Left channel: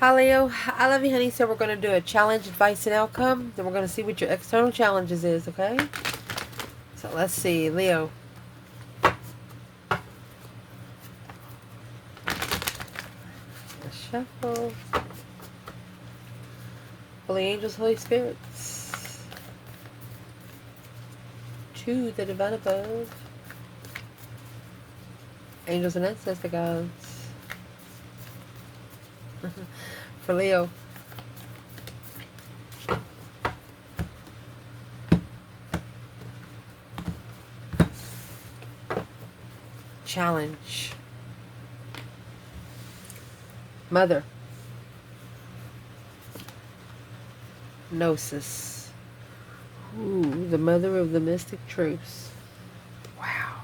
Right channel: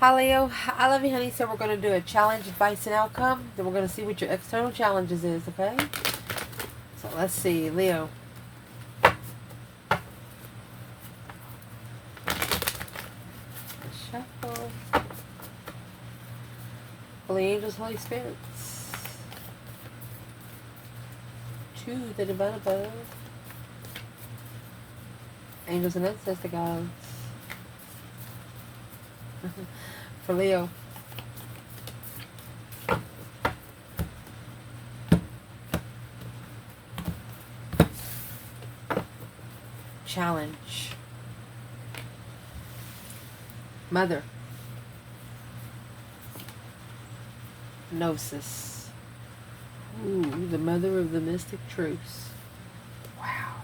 Hi Leo, I love you honey. So we're going to do a challenge, advice, and outcome. Then we're going to see what your external challenges is, okay? So let's see, Leo. Let's shuffle. Holy angels, Holy spirits. To the divine above. Angels and ancestor gods. For Leo. Challenge. Mother. Gnosis. Ooh, the mother of the mystic truths. Wow.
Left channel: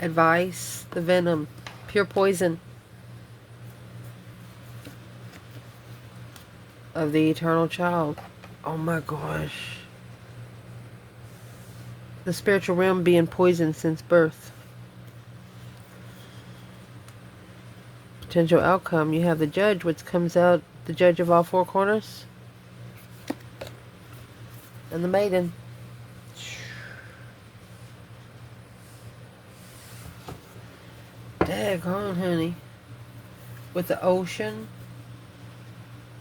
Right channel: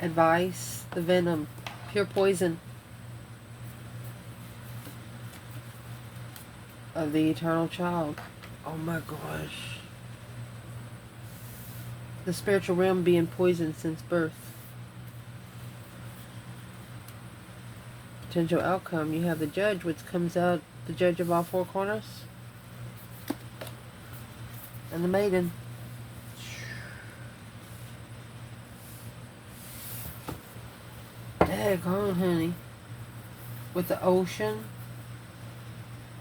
Advice. The venom. Pure poison of the eternal child. Oh my gosh. The spiritual realm being poisoned since birth. Potential outcome. You have the judge, which comes out, the judge of all four corners. And the maiden. Daggone, honey. With the ocean.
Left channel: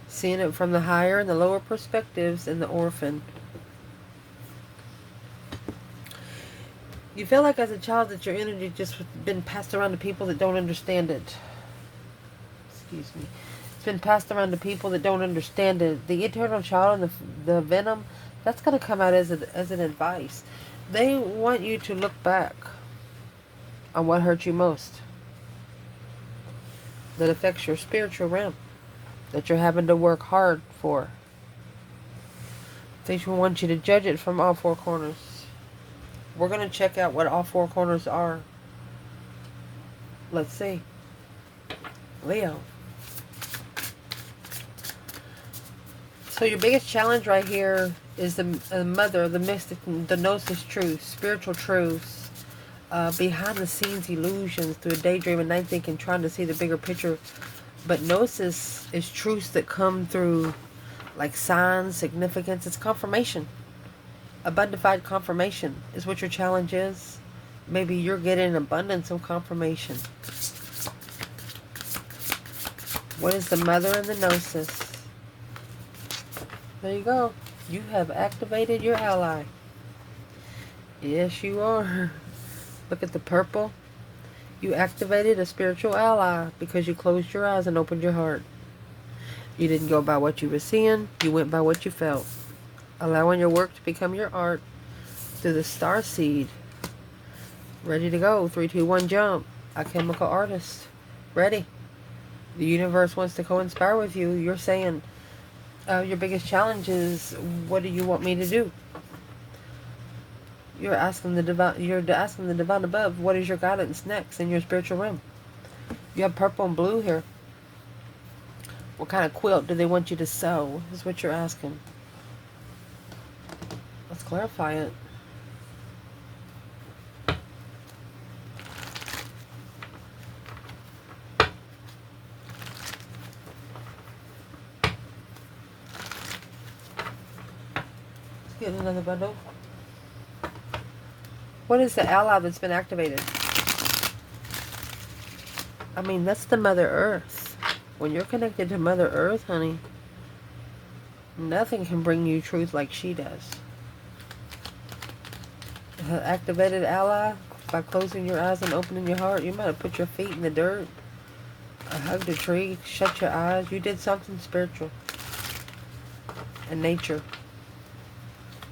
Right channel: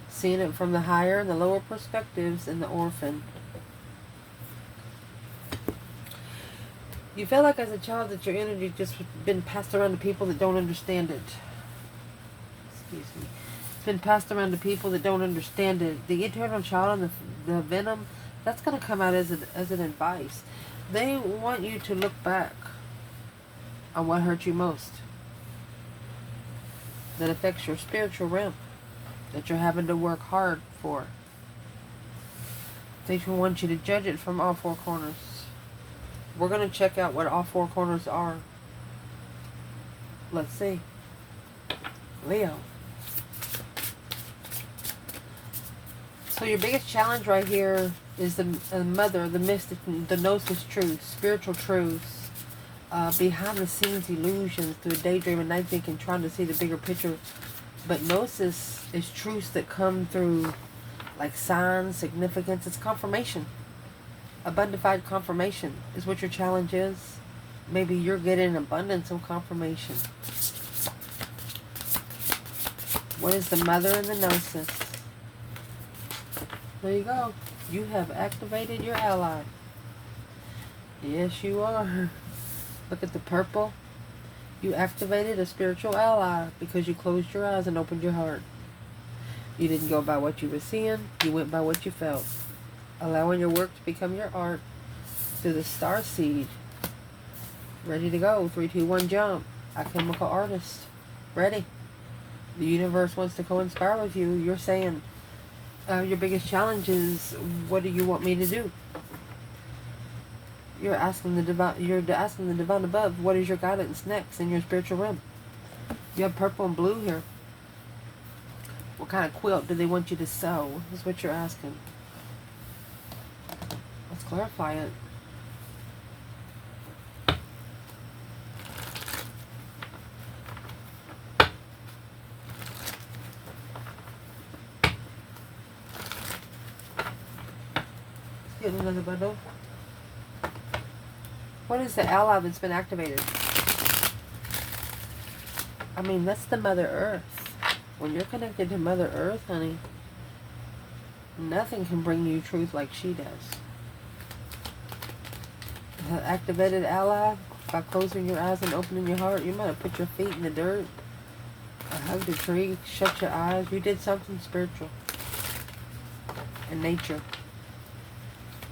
Seeing it from the higher and the lower perspectives, and the orphan. You feel like as a child that your energy just been passed around to people that don't understand it. Excuse me. It's been passed around to people that don't understand it. The eternal child and the venom, that's going to come out as an advice. They want you to look back on what hurt you most. That affects your spiritual realm. That you're having to work hard for. They want you to judge it from all four corners. We're going to check out what all four corners are. Let's see. Leo. So your biggest challenge right here is the mother, the mystic, the gnosis truth, spiritual truths, behind the scenes illusions through daydream and night thinking, trying to see the bigger picture. But gnosis is truths that come through like signs, significance. It's confirmation. Abundified confirmation is what your challenge is. Maybe you're getting an abundance of confirmation. What is the mother and the gnosis? There you go. You have activated your ally. Yes, you are. Look at the purple. You activated a spiritual ally because you closed your eyes and opened your heart. You didn't go by what you were seeing. You went by what you felt. Allowing your work to become your art through the star seed. Ready to go. 3, 2, 1, jump. A chemical artist. Ready. The universe wants to co-inspire with you. You're saying your biggest challenge is, what do you want me to do? You're asking the divine above, what is your guidance next in your spiritual realm? You have purple and blue here. What kind of quilt do they want you to sew? Is what you're asking. Let's clarify it. Let's get another bundle. What is the ally that's been activated? I mean, that's the Mother Earth. When you're connected to Mother Earth, honey, nothing can bring you truth like she does. Her activated ally, by closing your eyes and opening your heart, you might have put your feet in the dirt, hugged a tree, shut your eyes. You did something spiritual in nature.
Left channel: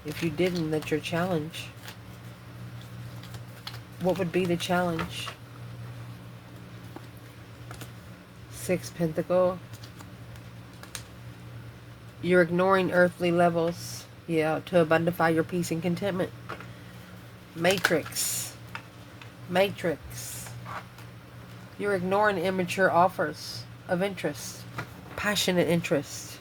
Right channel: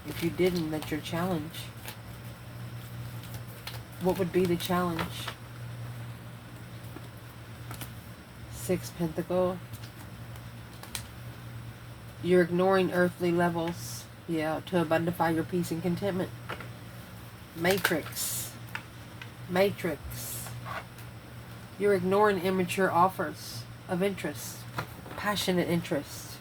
If you didn't, that's your challenge. What would be the challenge? 6 Pentacle. You're ignoring earthly levels, yeah, to abundify your peace and contentment. Matrix. Matrix. You're ignoring immature offers of interest, passionate interest.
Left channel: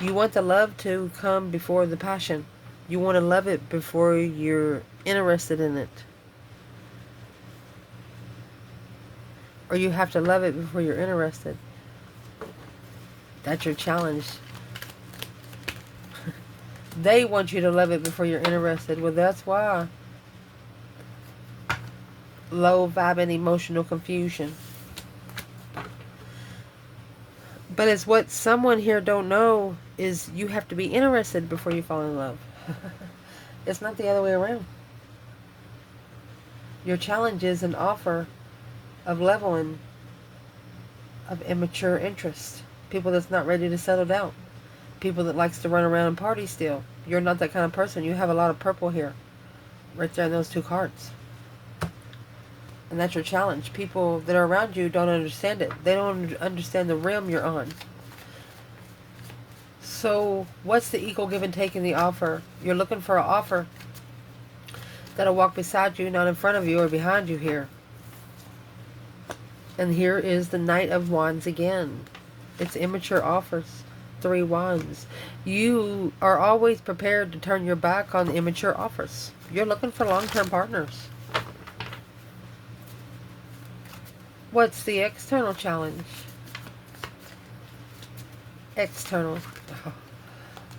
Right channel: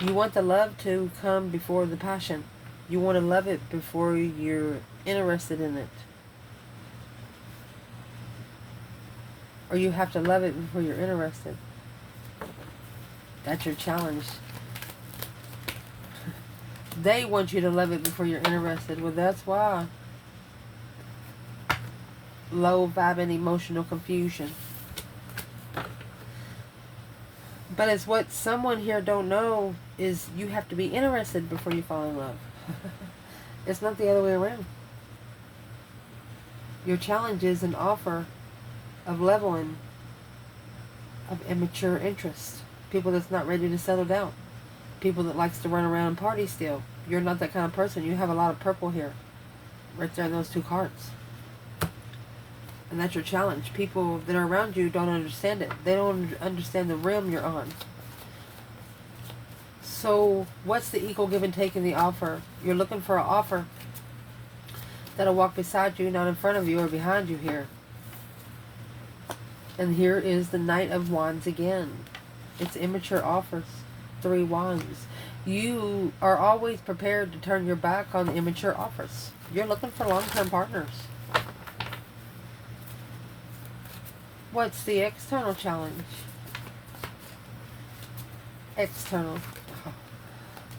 You want the love to come before the passion. You want to love it before you're interested in it. Or you have to love it before you're interested. That's your challenge. They want you to love it before you're interested. Well, that's why. Low vibe and emotional confusion. But it's what someone here don't know is you have to be interested before you fall in love. It's not the other way around. Your challenge is an offer of leveling of immature interest. People that's not ready to settle down. People that likes to run around and party still. You're not that kind of person. You have a lot of purple here. Right there in those two cards. And that's your challenge. People that are around you don't understand it. They don't understand the realm you're on. So what's the equal give and take in the offer? You're looking for an offer that'll walk beside you, not in front of you or behind you here. And here is the Knight of Wands again. It's immature offers. 3 wands. You are always prepared to turn your back on the immature offers. You're looking for long-term partners. What's the external challenge? External.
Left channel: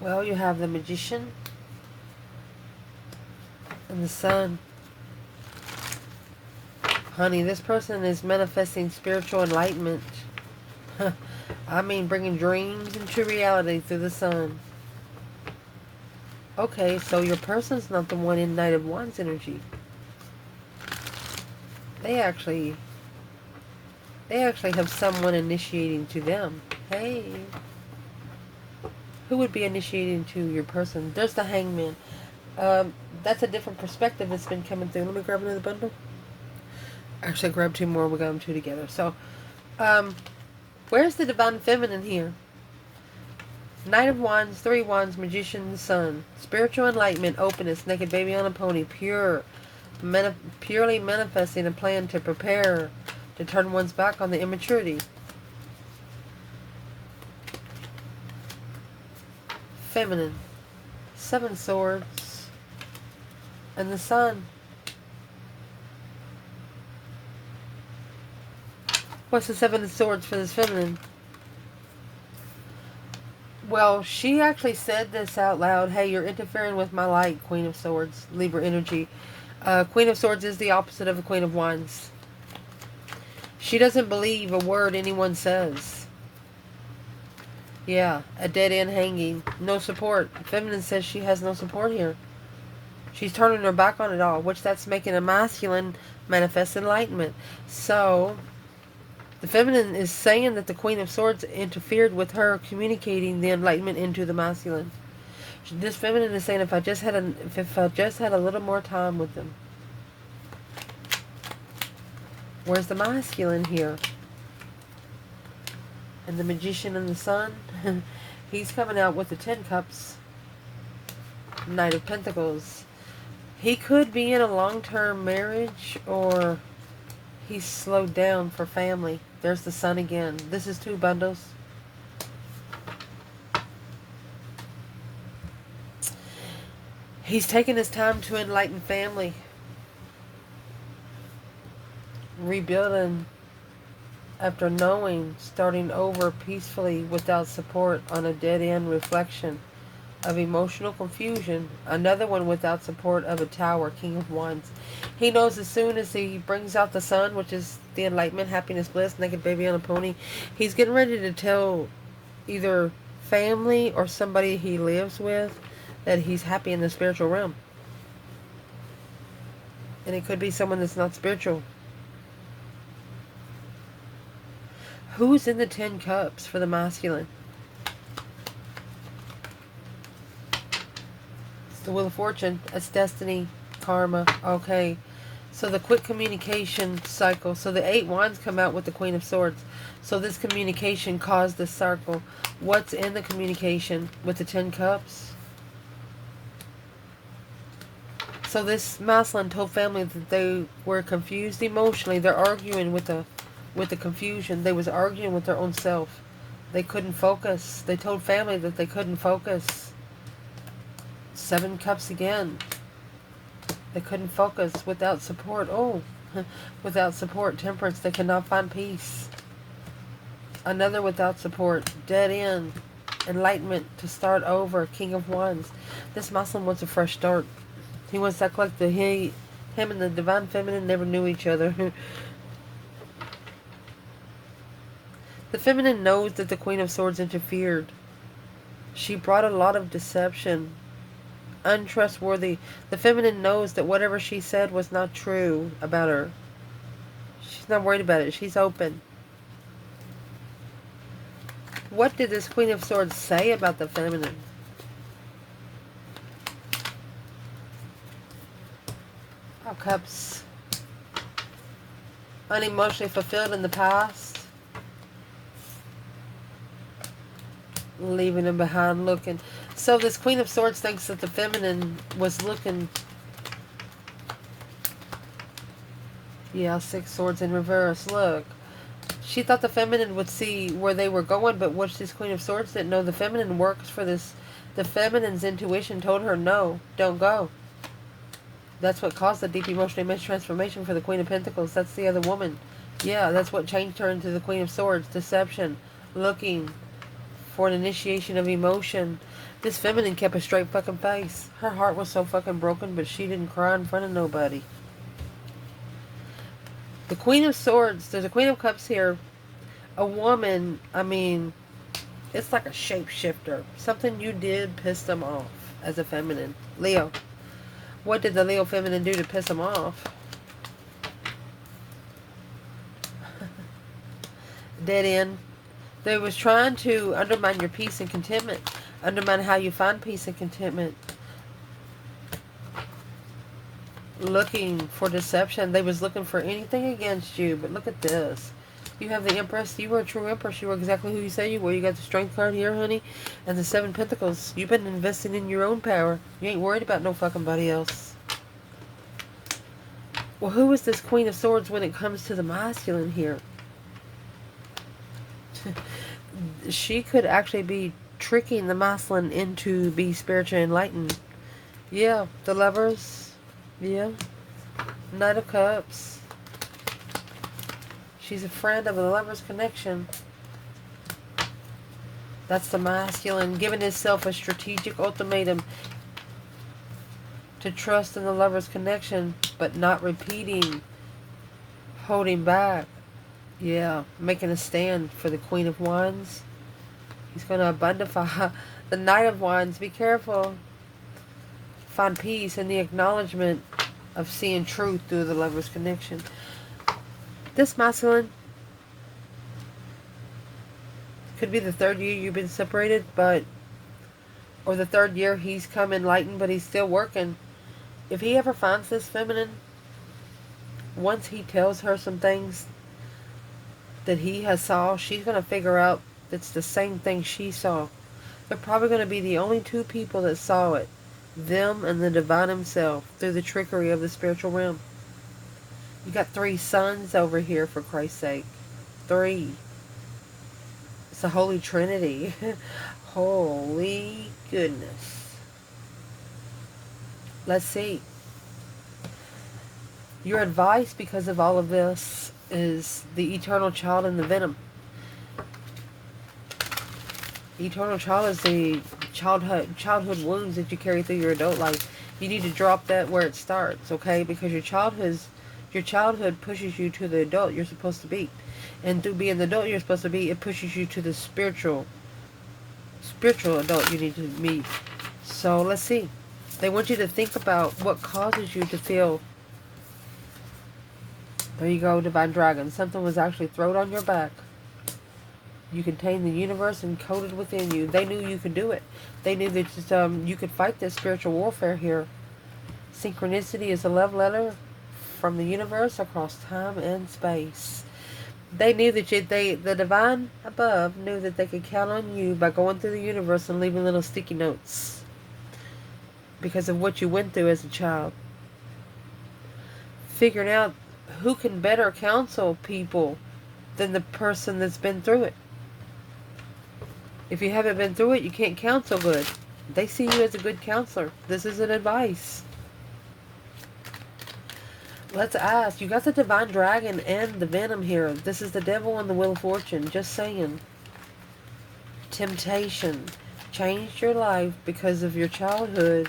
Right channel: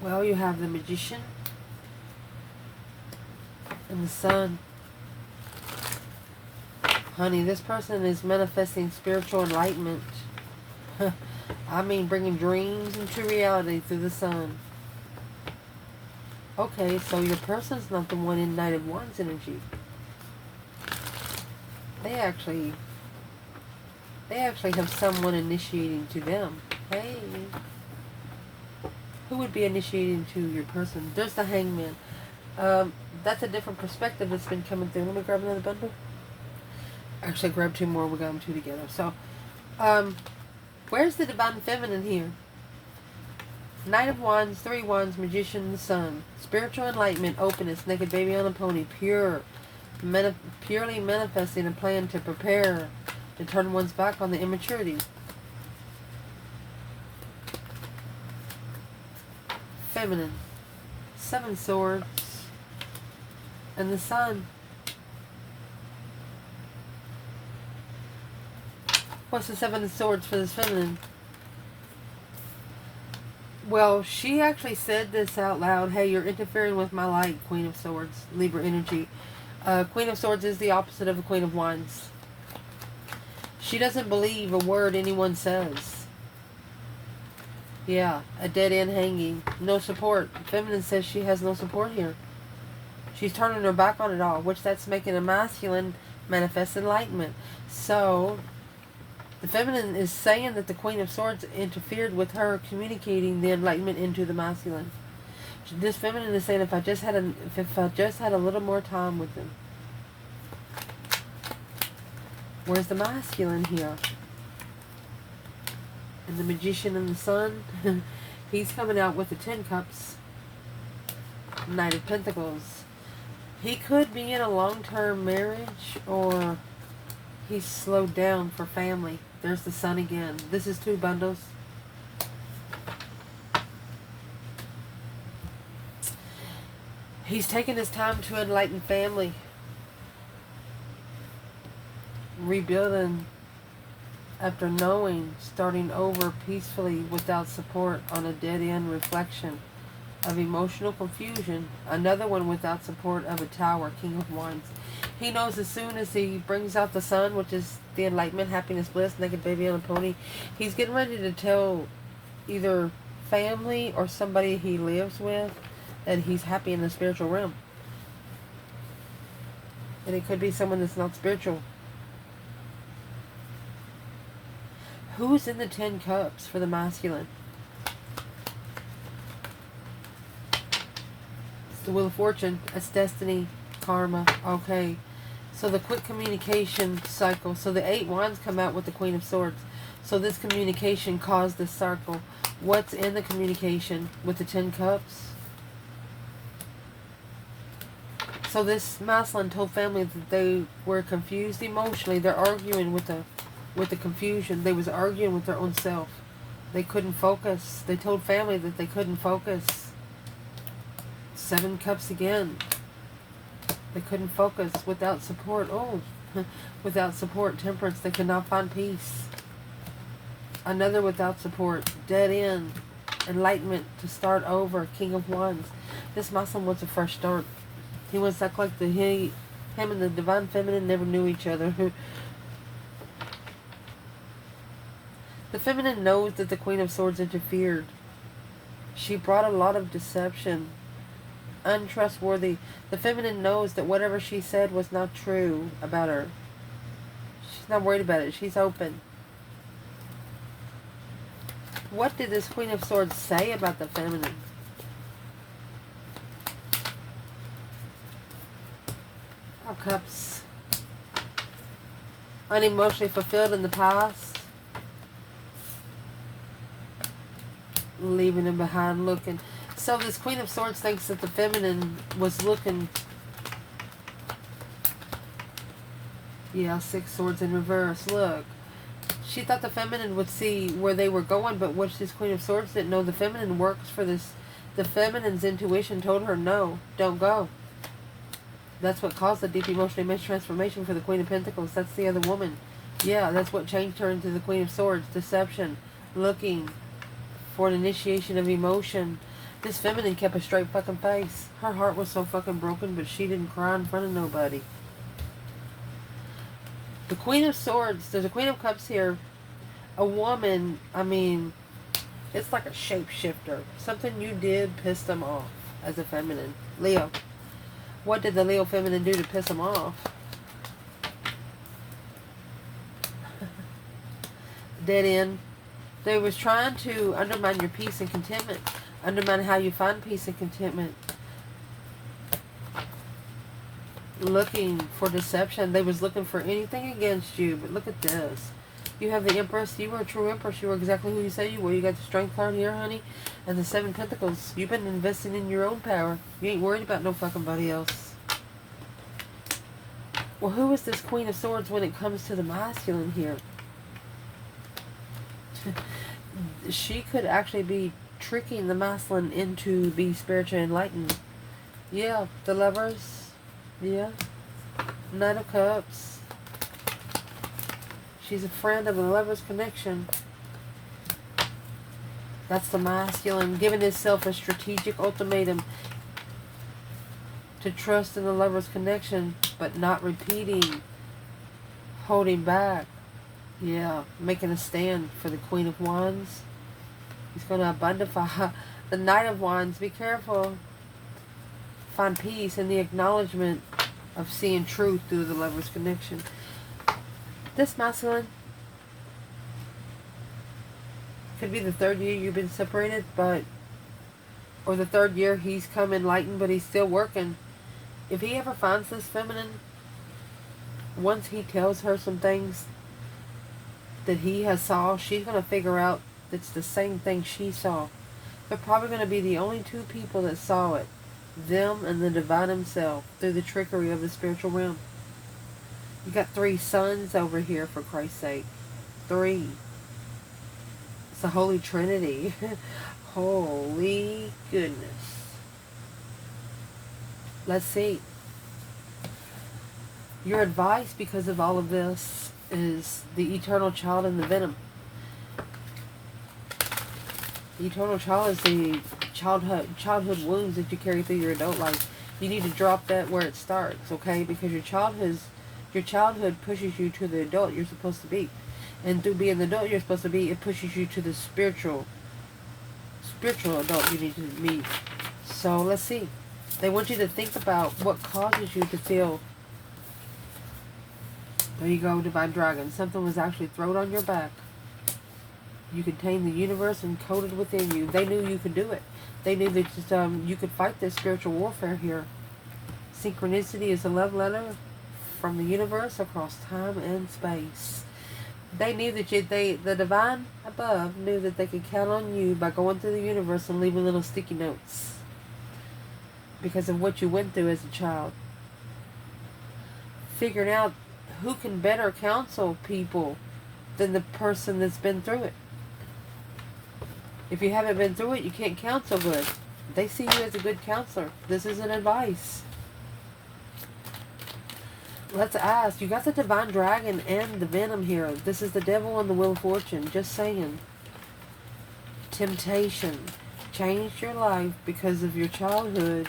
Well, you have the Magician and the Sun. Honey, this person is manifesting spiritual enlightenment. I mean, bringing dreams into reality through the Sun. Okay, so your person's not the one in Knight of Wands energy. They actually have someone initiating to them. Hey. Who would be initiating to your person? There's the Hangman. That's a different perspective that's been coming through. Let me grab another bundle. Actually, I grabbed 2 more. We got them 2 together. So, where's the Divine Feminine here? Knight of Wands, 3 wands, Magician, the Sun. Spiritual enlightenment, openness, naked baby on a pony, purely manifesting a plan to prepare to turn one's back on the immaturity. Feminine. 7 swords. And the Sun. What's the 7 of swords for this feminine? Well, she actually said this out loud. Hey, you're interfering with my light, Queen of Swords, Libra energy. Queen of Swords is the opposite of a Queen of Wands. She doesn't believe a word anyone says. Yeah, a dead end hanging. No support. Feminine says she has no support here. She's turning her back on it all, which that's making a masculine manifest enlightenment. So the feminine is saying that the Queen of Swords interfered with her communicating the enlightenment into the masculine. This feminine is saying, if I just had a little more time with them. Where's the masculine here? And the Magician and the Sun. He's coming out with the 10 cups. Knight of Pentacles. He could be in a long-term marriage, or he's slowed down for family. There's the Sun again. This is 2 bundles. He's taking his time to enlighten family. Rebuilding after knowing, starting over peacefully without support on a dead-end reflection of emotional confusion. Another one without support of a Tower, King of Wands. He knows as soon as he brings out the Sun, which is the enlightenment, happiness, bliss, naked baby on a pony, he's getting ready to tell either family or somebody he lives with that he's happy in the spiritual realm. And it could be someone that's not spiritual. Who's in the 10 cups for the masculine? It's the Wheel of Fortune. It's destiny, karma. Okay. So the quick communication cycle. So the 8 wands come out with the Queen of Swords. So this communication caused this cycle. What's in the communication with the 10 cups? So this masculine told family that they were confused emotionally. They're arguing with the confusion. They was arguing with their own self. They couldn't focus. They told family that they couldn't focus. 7 cups again. They couldn't focus without support. Oh, without support, temperance. They could not find peace. Another without support. Dead end. Enlightenment to start over. King of Wands. This Muslim wants a fresh start. He wants to act like him and the Divine Feminine never knew each other. The Feminine knows that the Queen of Swords interfered. She brought a lot of deception. Untrustworthy. The Feminine knows that whatever she said was not true about her. She's not worried about it. She's open. What did this Queen of Swords say about the Feminine? Of Cups. Unemotionally fulfilled in the past. Leaving him behind looking. So this Queen of Swords thinks that the Feminine was looking. Yeah, 6 swords in reverse. Look. She thought the Feminine would see where they were going, but what this Queen of Swords didn't know, the Feminine works for this. The Feminine's intuition told her, no, don't go. That's what caused the deep emotional image transformation for the Queen of Pentacles. That's the other woman. Yeah, that's what changed her into the Queen of Swords. Deception. Looking for an initiation of emotion. This Feminine kept a straight fucking face. Her heart was so fucking broken, but she didn't cry in front of nobody. The Queen of Swords, there's a Queen of Cups here. A woman, I mean, it's like a shapeshifter. Something you did pissed them off as a feminine. Leo. What did the Leo feminine do to piss them off? Dead end. They was trying to undermine your peace and contentment. Undermine how you find peace and contentment. Looking for deception. They was looking for anything against you. But look at this. You have the Empress. You were a true Empress. You were exactly who you said you were. You got the Strength card here, honey. And the 7 Pentacles. You've been investing in your own power. You ain't worried about no fucking body else. Well, who is this Queen of Swords when it comes to the masculine here? She could actually be tricking the masculine into be spiritually enlightened. Yeah, the Lovers. Yeah. Knight of Cups. She's a friend of the Lover's connection. That's the masculine giving himself a strategic ultimatum to trust in the Lover's connection, but not repeating, holding back. Yeah, making a stand for the Queen of Wands. He's going to abundify the Knight of Wands. Be careful. Find peace in the acknowledgement of seeing truth through the Lover's connection. This masculine could be the 3rd year you've been separated, but or the 3rd year he's come enlightened, but he's still working. If he ever finds this feminine, once he tells her some things that he has saw, she's going to figure out it's the same thing she saw. They're probably going to be the only 2 people that saw it. Them and the divine himself through the trickery of the spiritual realm. You got 3 sons over here, for Christ's sake. 3. It's the Holy Trinity. Holy goodness. Let's see. Your advice, because of all of this, is the eternal child and the venom. The eternal child is the childhood wounds that you carry through your adult life. You need to drop that where it starts, okay? Because your childhood pushes you to the adult you're supposed to be. And through being the adult you're supposed to be, it pushes you to the spiritual adult you need to be. So let's see. They want you to think about what causes you to feel. There you go, Divine Dragon. Something was actually thrown on your back. You contain the universe encoded within you. They knew you could do it. They knew that you could fight this spiritual warfare here. Synchronicity is a love letter from the universe across time and space. They knew that the divine above knew that they could count on you by going through the universe and leaving little sticky notes because of what you went through as a child. Figuring out who can better counsel people than the person that's been through it. If you haven't been through it, you can't counsel good. They see you as a good counselor. This is an advice. Let's ask. You got the divine dragon and the venom here. This is the devil and the wheel of fortune. Just saying. Temptation. Changed your life because of your childhood.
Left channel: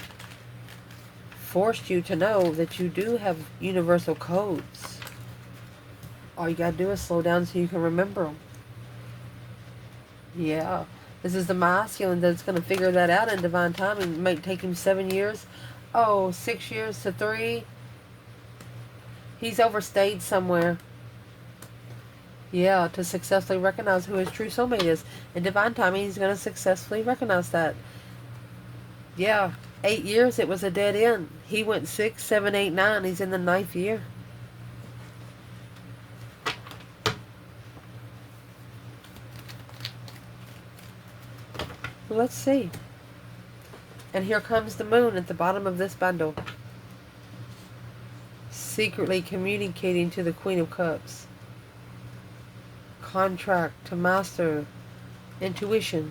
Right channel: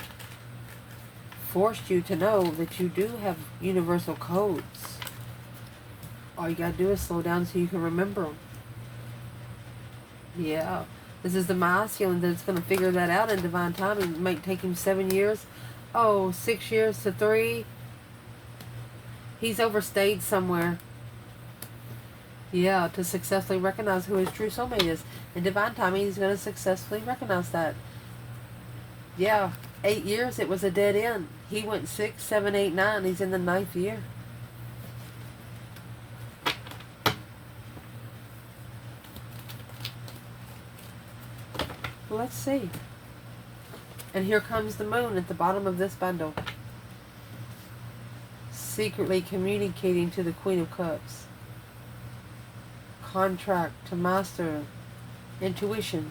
Forced you to know that you do have universal codes. All you gotta do is slow down so you can remember them. Yeah. This is the masculine that's going to figure that out in divine timing. It might take him 7 years. Oh, 6 years to 3. He's overstayed somewhere. Yeah, to successfully recognize who his true soulmate is. In divine timing, he's going to successfully recognize that. Yeah, 8 years, it was a dead end. He went 6, 7, 8, 9. He's in the 9th year. Let's see. And here comes the moon at the bottom of this bundle. Secretly communicating to the Queen of Cups. Contract to master intuition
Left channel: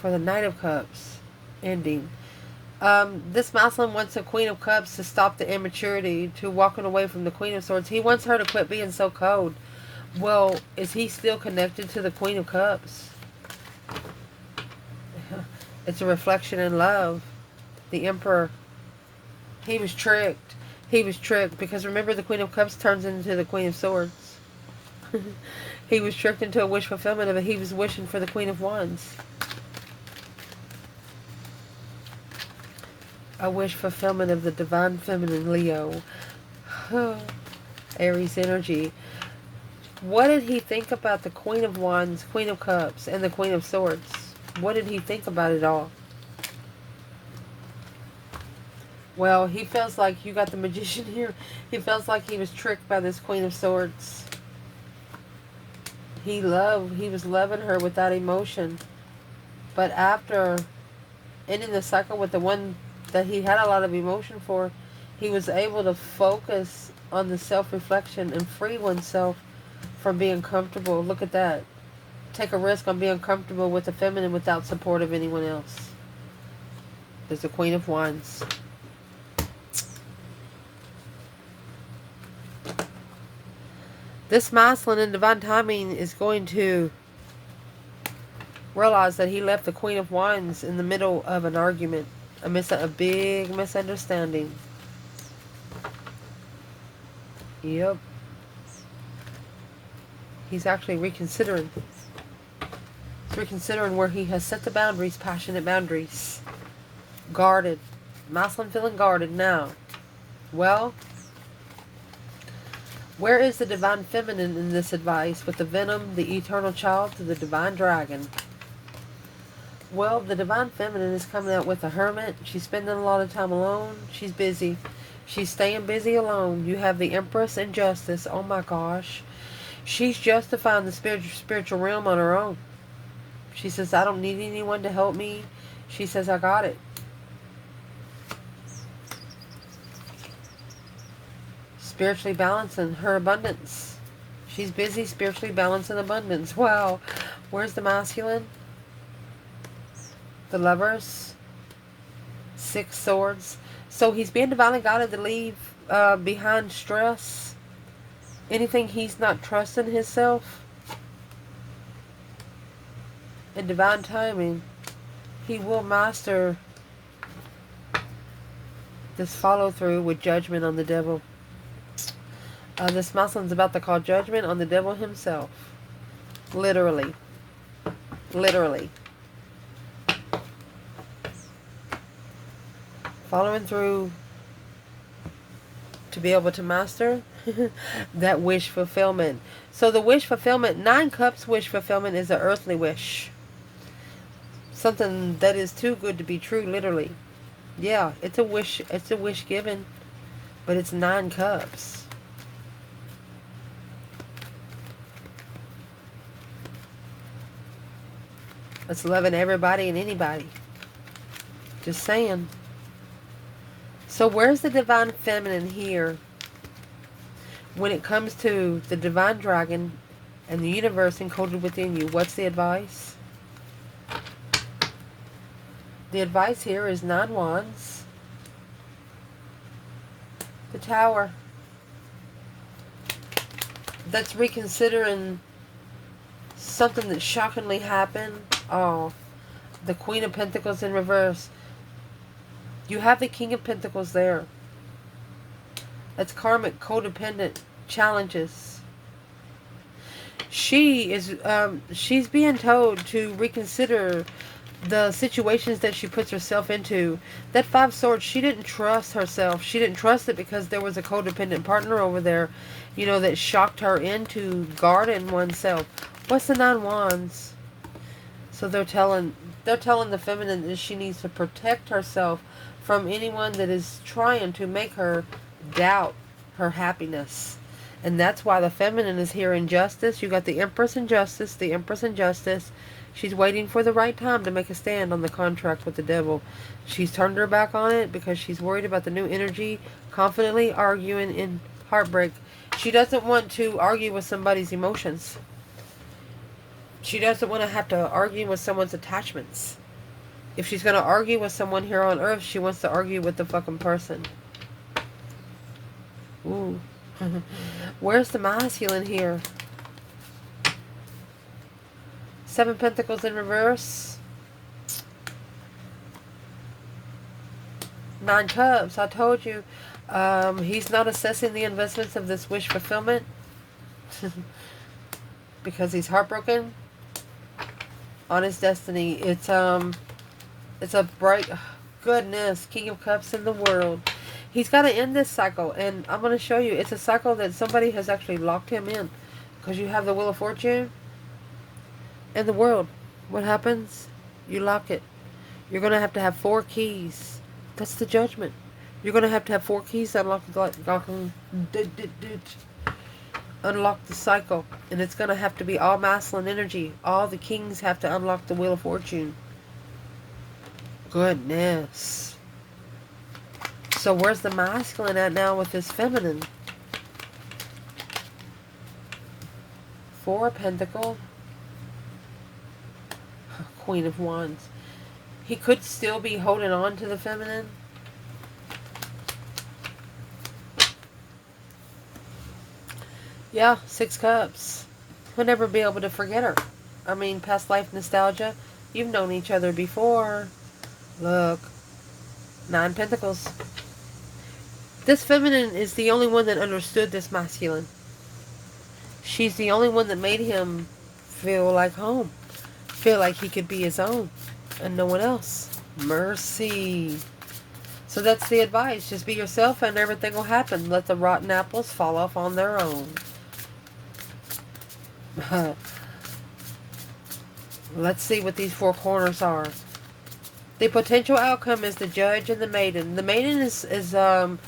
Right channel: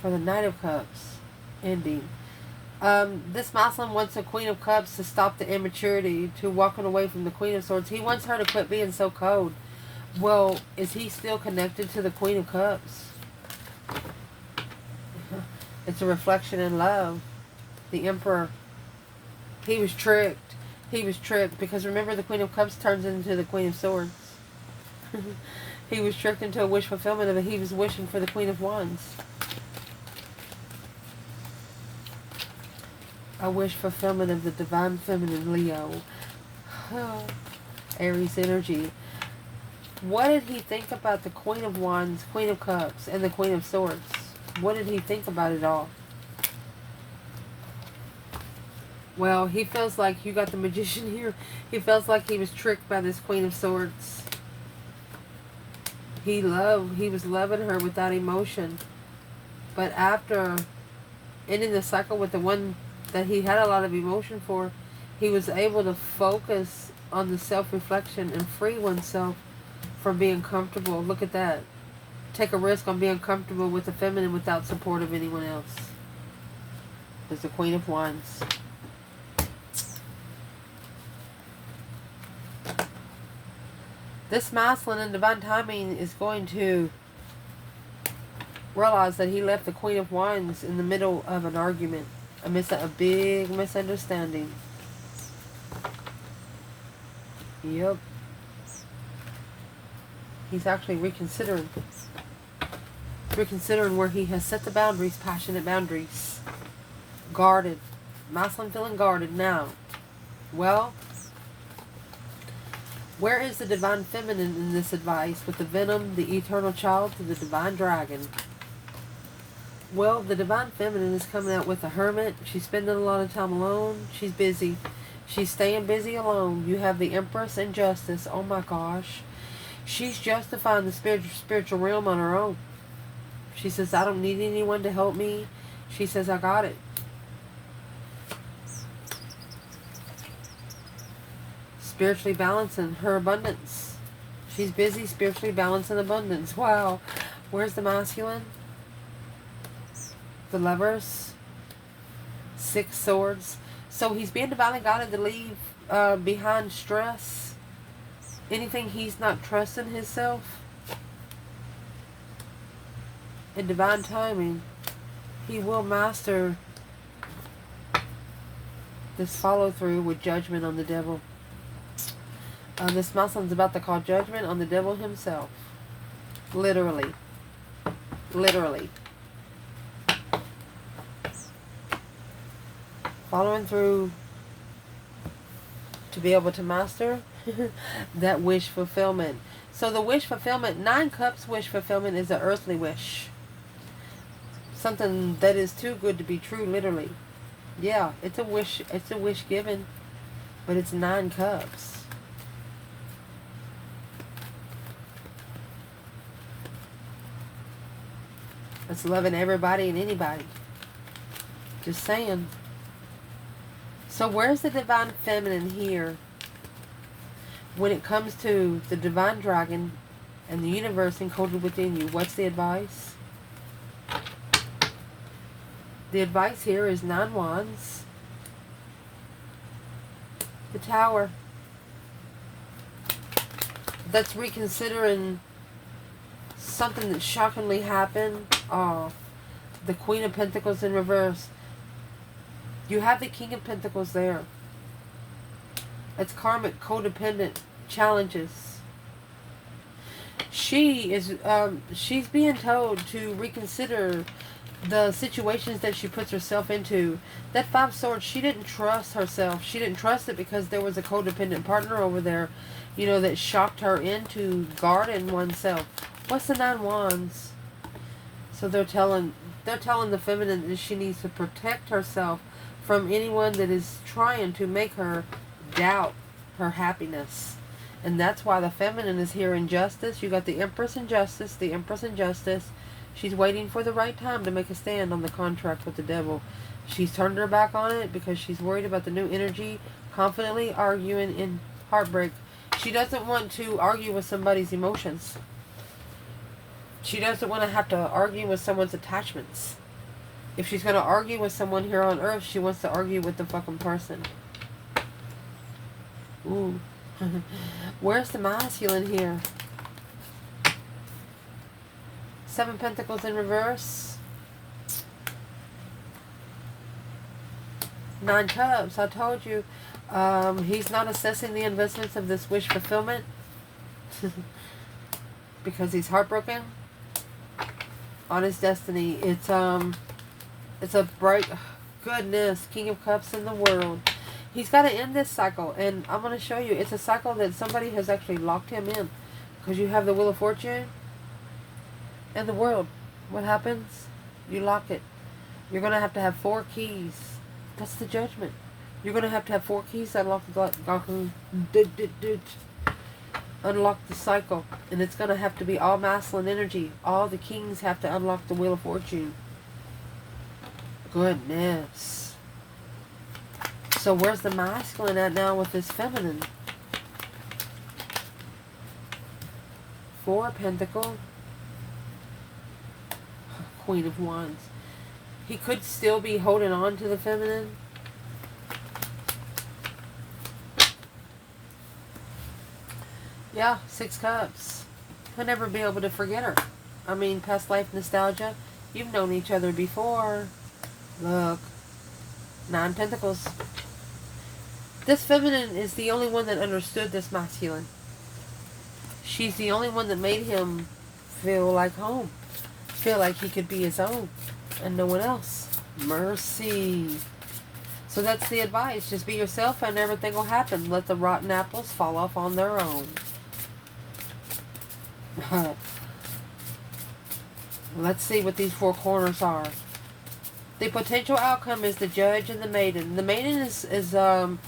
for the Knight of Cups. Ending. This masculine wants the Queen of Cups to stop the immaturity, to walking away from the Queen of Swords. He wants her to quit being so cold. Well, is he still connected to the Queen of Cups? It's a reflection in love. The Emperor. He was tricked. He was tricked because remember the Queen of Cups turns into the Queen of Swords. He was tricked into a wish fulfillment of it. He was wishing for the Queen of Wands. A wish fulfillment of the divine feminine Leo. Aries energy. What did he think about the Queen of Wands, Queen of Cups, and the Queen of Swords? What did he think about it all? Well, he feels like you got the Magician here. He feels like he was tricked by this Queen of Swords. He was loving her without emotion. But after ending the cycle with the one that he had a lot of emotion for, he was able to focus on the self-reflection and free oneself from being comfortable. Look at that. Take a risk on being comfortable with the feminine without support of anyone else. There's the Queen of Wands. This masculine in divine timing is going to realize that he left the Queen of Wands in the middle of an argument. A big misunderstanding. Yep. He's actually reconsidering. Reconsidering where he has set the boundaries, passionate boundaries. Guarded. Masculine feeling guarded now. Well, where is the divine feminine in this advice with the venom, the eternal child, to the divine dragon? Well, the divine feminine is coming out with a hermit. She's spending a lot of time alone. She's busy. She's staying busy alone. You have the Empress and Justice. Oh my gosh. She's justifying the spiritual realm on her own. She says, I don't need anyone to help me. She says, I got it. Spiritually balancing her abundance. She's busy spiritually balancing abundance. Wow. Where's the masculine? The Lovers. 6 swords. So he's being divinely guided to leave behind stress. Anything he's not trusting himself. In divine timing, he will master this follow through with judgment on the devil. This masculine's about to call judgment on the devil himself. Literally. Literally. Following through to be able to master that wish fulfillment. So the wish fulfillment, 9 cups wish fulfillment is an earthly wish. Something that is too good to be true, literally. Yeah, it's a wish given, but it's 9 cups. It's loving everybody and anybody. Just saying. So where's the divine feminine here when it comes to the divine dragon and the universe encoded within you? What's the advice? The advice here is 9 wands. The Tower. that's reconsidering something that shockingly happened. Oh, the Queen of Pentacles in reverse. You have the King of Pentacles there. It's karmic, codependent challenges. She is, she's being told to reconsider the situations that she puts herself into. That Five Swords, she didn't trust herself. She didn't trust it because there was a codependent partner over there, you know, that shocked her into guarding oneself. What's the Nine Wands? So they're telling the feminine that she needs to protect herself from anyone that is trying to make her doubt her happiness. And that's why the feminine is here in Justice. You got the Empress in Justice, the Empress in Justice. She's waiting for the right time to make a stand on the contract with the devil. She's turned her back on it because she's worried about the new energy, confidently arguing in heartbreak. She doesn't want to argue with somebody's emotions. She doesn't want to have to argue with someone's attachments. If she's going to argue with someone here on Earth, she wants to argue with the fucking person. Ooh. Where's the masculine here? Seven Pentacles in reverse. Nine Cups. I told you. He's not assessing the investments of this wish fulfillment because he's heartbroken on his destiny. It's a bright, goodness, King of Cups in the world. He's got to end this cycle, and I'm going to show you. It's a cycle that somebody has actually locked him in, because you have the Wheel of Fortune and the World. What happens? You lock it. You're going to have 4 keys. That's the Judgment. You're going to have 4 keys to unlock the cycle, and it's going to have to be all masculine energy. All the kings have to unlock the Wheel of Fortune. Goodness. So where's the masculine at now with this feminine? 4 of Pentacles. Queen of Wands. He could still be holding on to the feminine. Yeah, 6 Cups. He'll never be able to forget her. I mean, past life nostalgia. You've known each other before. Look. 9 Pentacles. This feminine is the only one that understood this masculine. She's the only one that made him feel like home. Feel like he could be his own. And no one else. Mercy. So that's the advice. Just be yourself and everything will happen. Let the rotten apples fall off on their own. Let's see what these 4 corners are. The potential outcome is the Judge and the Maiden. The Maiden is a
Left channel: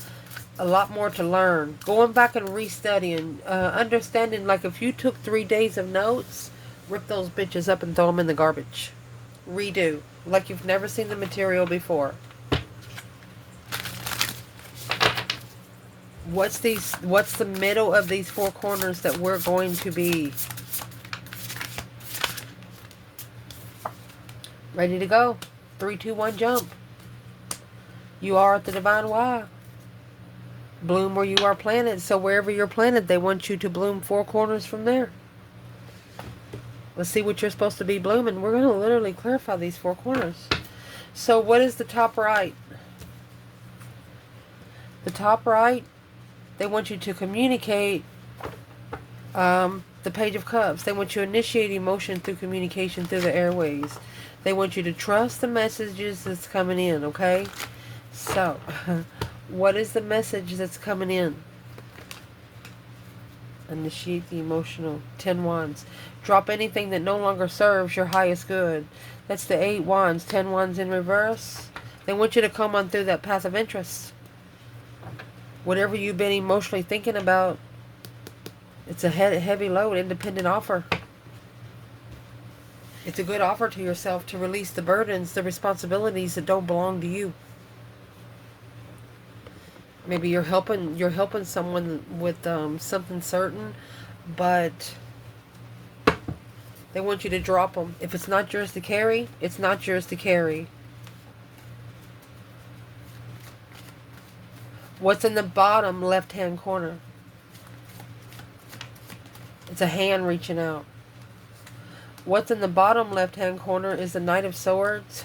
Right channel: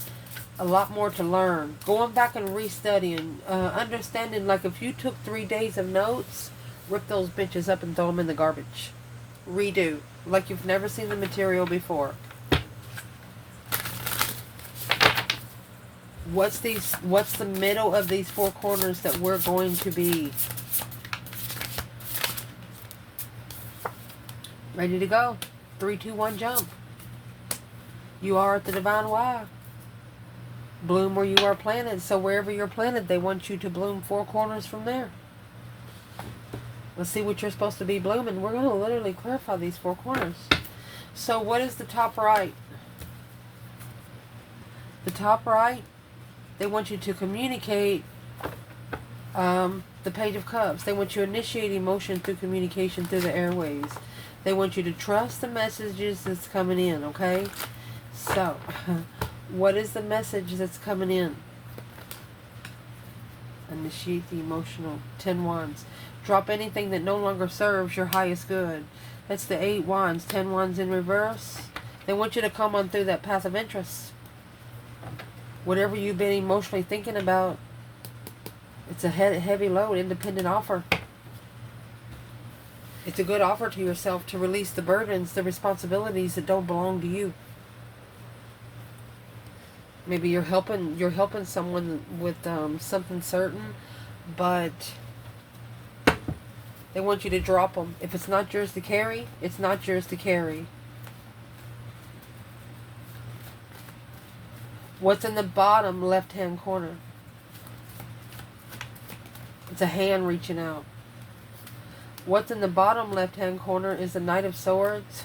lot more to learn. Going back and restudying. Understanding, like if you took 3 days of notes, rip those bitches up and throw them in the garbage. Redo. Like you've never seen the material before. What's the middle of these 4 corners that we're going to be? Ready to go. 3, 2, 1, jump. You are at the Divine Y. Bloom where you are planted. So wherever you're planted, they want you to bloom 4 corners from there. Let's see what you're supposed to be blooming. We're going to literally clarify these 4 corners. So what is the top right? The top right, they want you to communicate the Page of Cups. They want you to initiate emotion through communication through the airways. They want you to trust the messages that's coming in, okay? So, what is the message that's coming in? Initiate the emotional. 10 Wands. Drop anything that no longer serves your highest good. That's the 8 Wands. 10 Wands in reverse. They want you to come on through that path of interest. Whatever you've been emotionally thinking about, it's a heavy load, independent offer. It's a good offer to yourself to release the burdens, the responsibilities that don't belong to you. Maybe you're helping someone with something certain, but they want you to drop them. If it's not yours to carry, it's not yours to carry. What's in the bottom left-hand corner? It's a hand reaching out. What's in the bottom left-hand corner is the Knight of Swords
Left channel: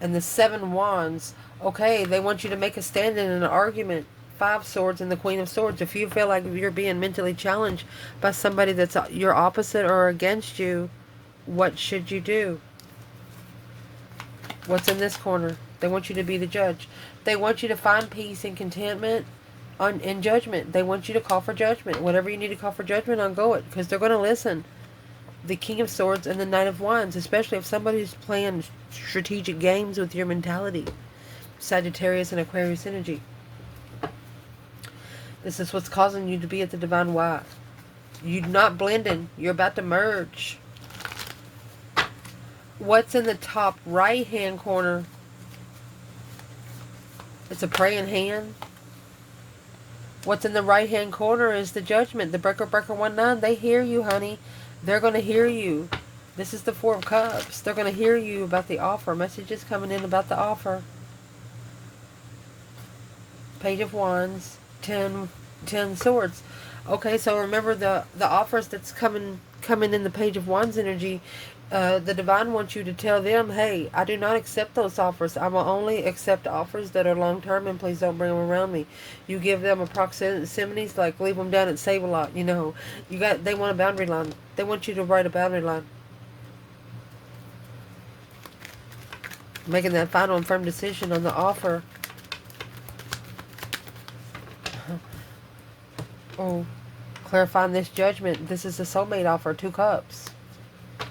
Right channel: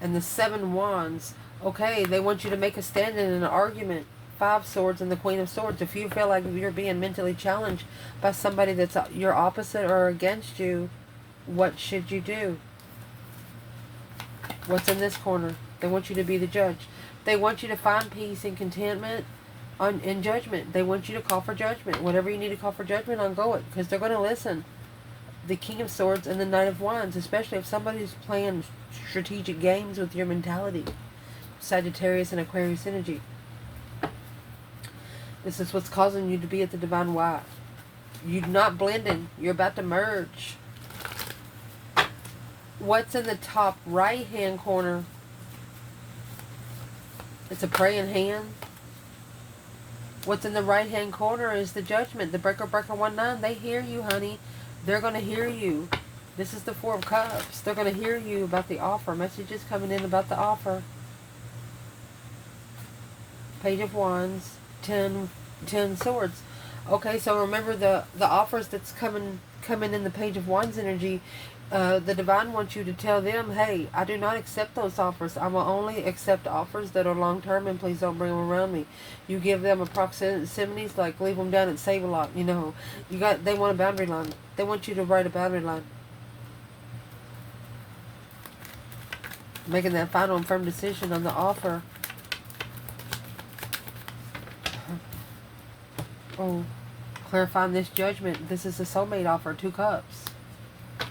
and the 7 Wands. Okay, they want you to make a stand in an argument. 5 Swords and the Queen of Swords. If you feel like you're being mentally challenged by somebody that's your opposite or against you, what should you do? What's in this corner? They want you to be the judge. They want you to find peace and contentment in judgment. They want you to call for judgment. Whatever you need to call for judgment on, go it. Because they're going to listen. The King of Swords and the Knight of Wands. Especially if somebody's playing strategic games with your mentality. Sagittarius and Aquarius energy. This is what's causing you to be at the Divine Wife. You're not blending. You're about to merge. What's in the top right hand corner? It's a praying hand. What's in the right hand corner is the Judgment. The Breaker 19. They hear you, honey. They're going to hear you. This is the 4 of Cups. They're going to hear you about the offer. Messages coming in about the offer. Page of Wands. 10 Swords. Okay, so remember the offers that's coming in the Page of Wands energy. The Divine wants you to tell them, hey, I do not accept those offers. I will only accept offers that are long-term, and please don't bring them around me. You give them proximities, like leave them down at Save-A-Lot, you know. They want a boundary line. They want you to write a boundary line. Making that final and firm decision on the offer. Oh, clarifying this judgment. This is a soulmate offer, 2 Cups.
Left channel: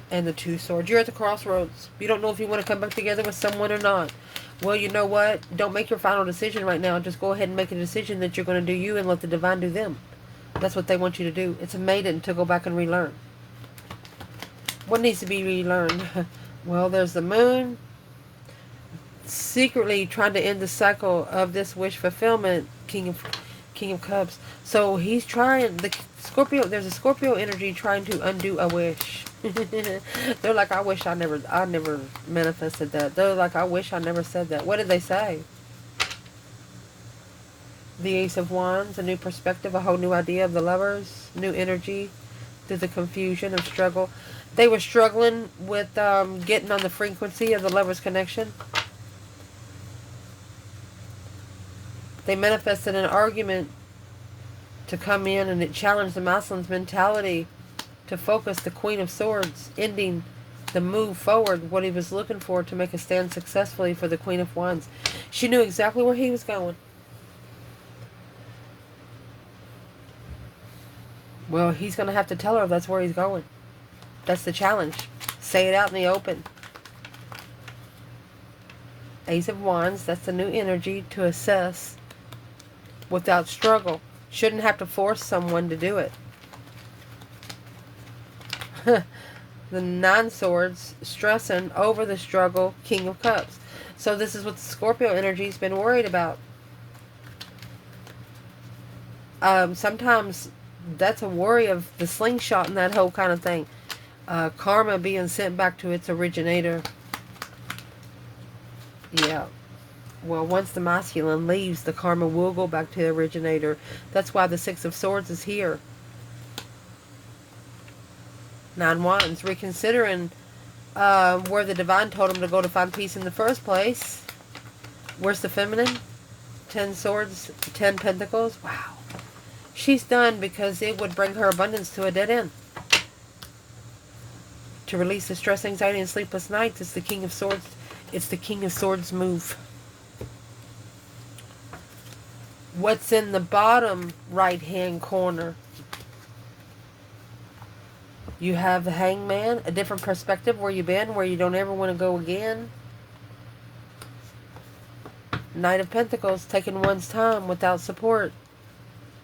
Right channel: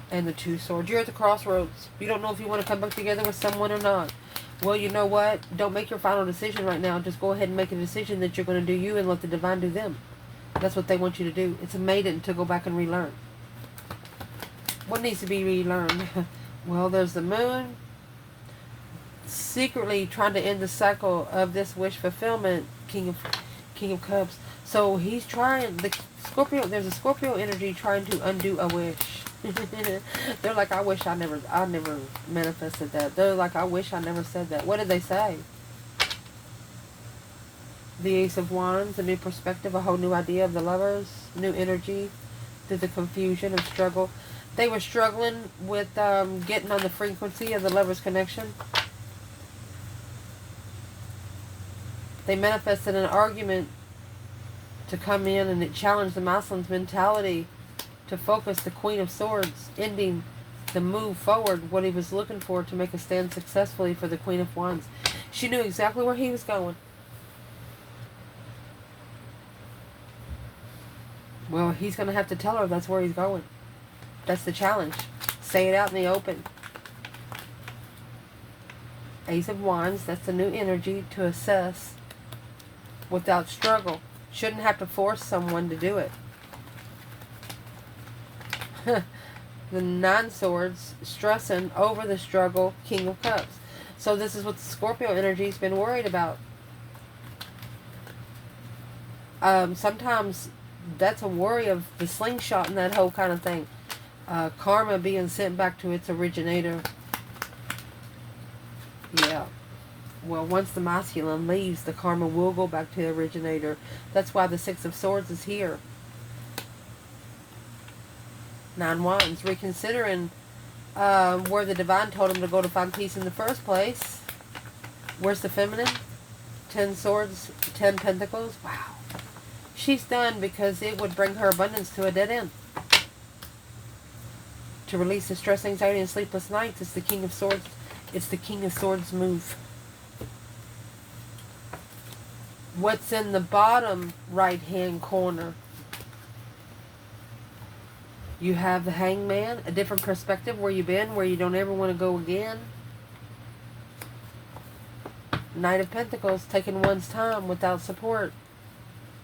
And the 2 Swords. You're at the crossroads. You don't know if you want to come back together with someone or not. Well, you know what? Don't make your final decision right now. Just go ahead and make a decision that you're going to do you and let the Divine do them. That's what they want you to do. It's a maiden to go back and relearn. What needs to be relearned? Well, there's the Moon. Secretly trying to end the cycle of this wish fulfillment. King of Cups. So he's trying, the Scorpio, there's a Scorpio energy trying to undo a wish. They're like, I wish I never manifested that. They're like, I wish I never said that. What did they say? The Ace of Wands, a new perspective, a whole new idea of the lovers, new energy through the confusion of struggle. They were struggling with getting on the frequency of the lovers' connection. They manifested an argument to come in, and it challenged the masculine's mentality to focus the Queen of Swords, ending the move forward, what he was looking for to make a stand successfully for the Queen of Wands. She knew exactly where he was going. Well, he's going to have to tell her that's where he's going. That's the challenge. Say it out in the open. Ace of Wands, that's the new energy to assess without struggle. Shouldn't have to force someone to do it. The 9 Swords, stressing over the struggle, King of Cups. So this is what the Scorpio energy's been worried about. Sometimes that's a worry of the slingshot and that whole kind of thing. Karma being sent back to its originator. Yeah. Well, once the masculine leaves, the karma will go back to the originator. That's why the 6 of Swords is here. 9 Wands, reconsidering where the Divine told him to go to find peace in the first place. Where's the feminine? 10 Swords, 10 Pentacles. Wow. She's done because it would bring her abundance to a dead end. To release the stress, anxiety, and sleepless nights. It's the King of Swords. It's the King of Swords move. What's in the bottom right-hand corner? You have the Hangman, a different perspective where you've been, where you don't ever want to go again. Knight of Pentacles, taking one's time without support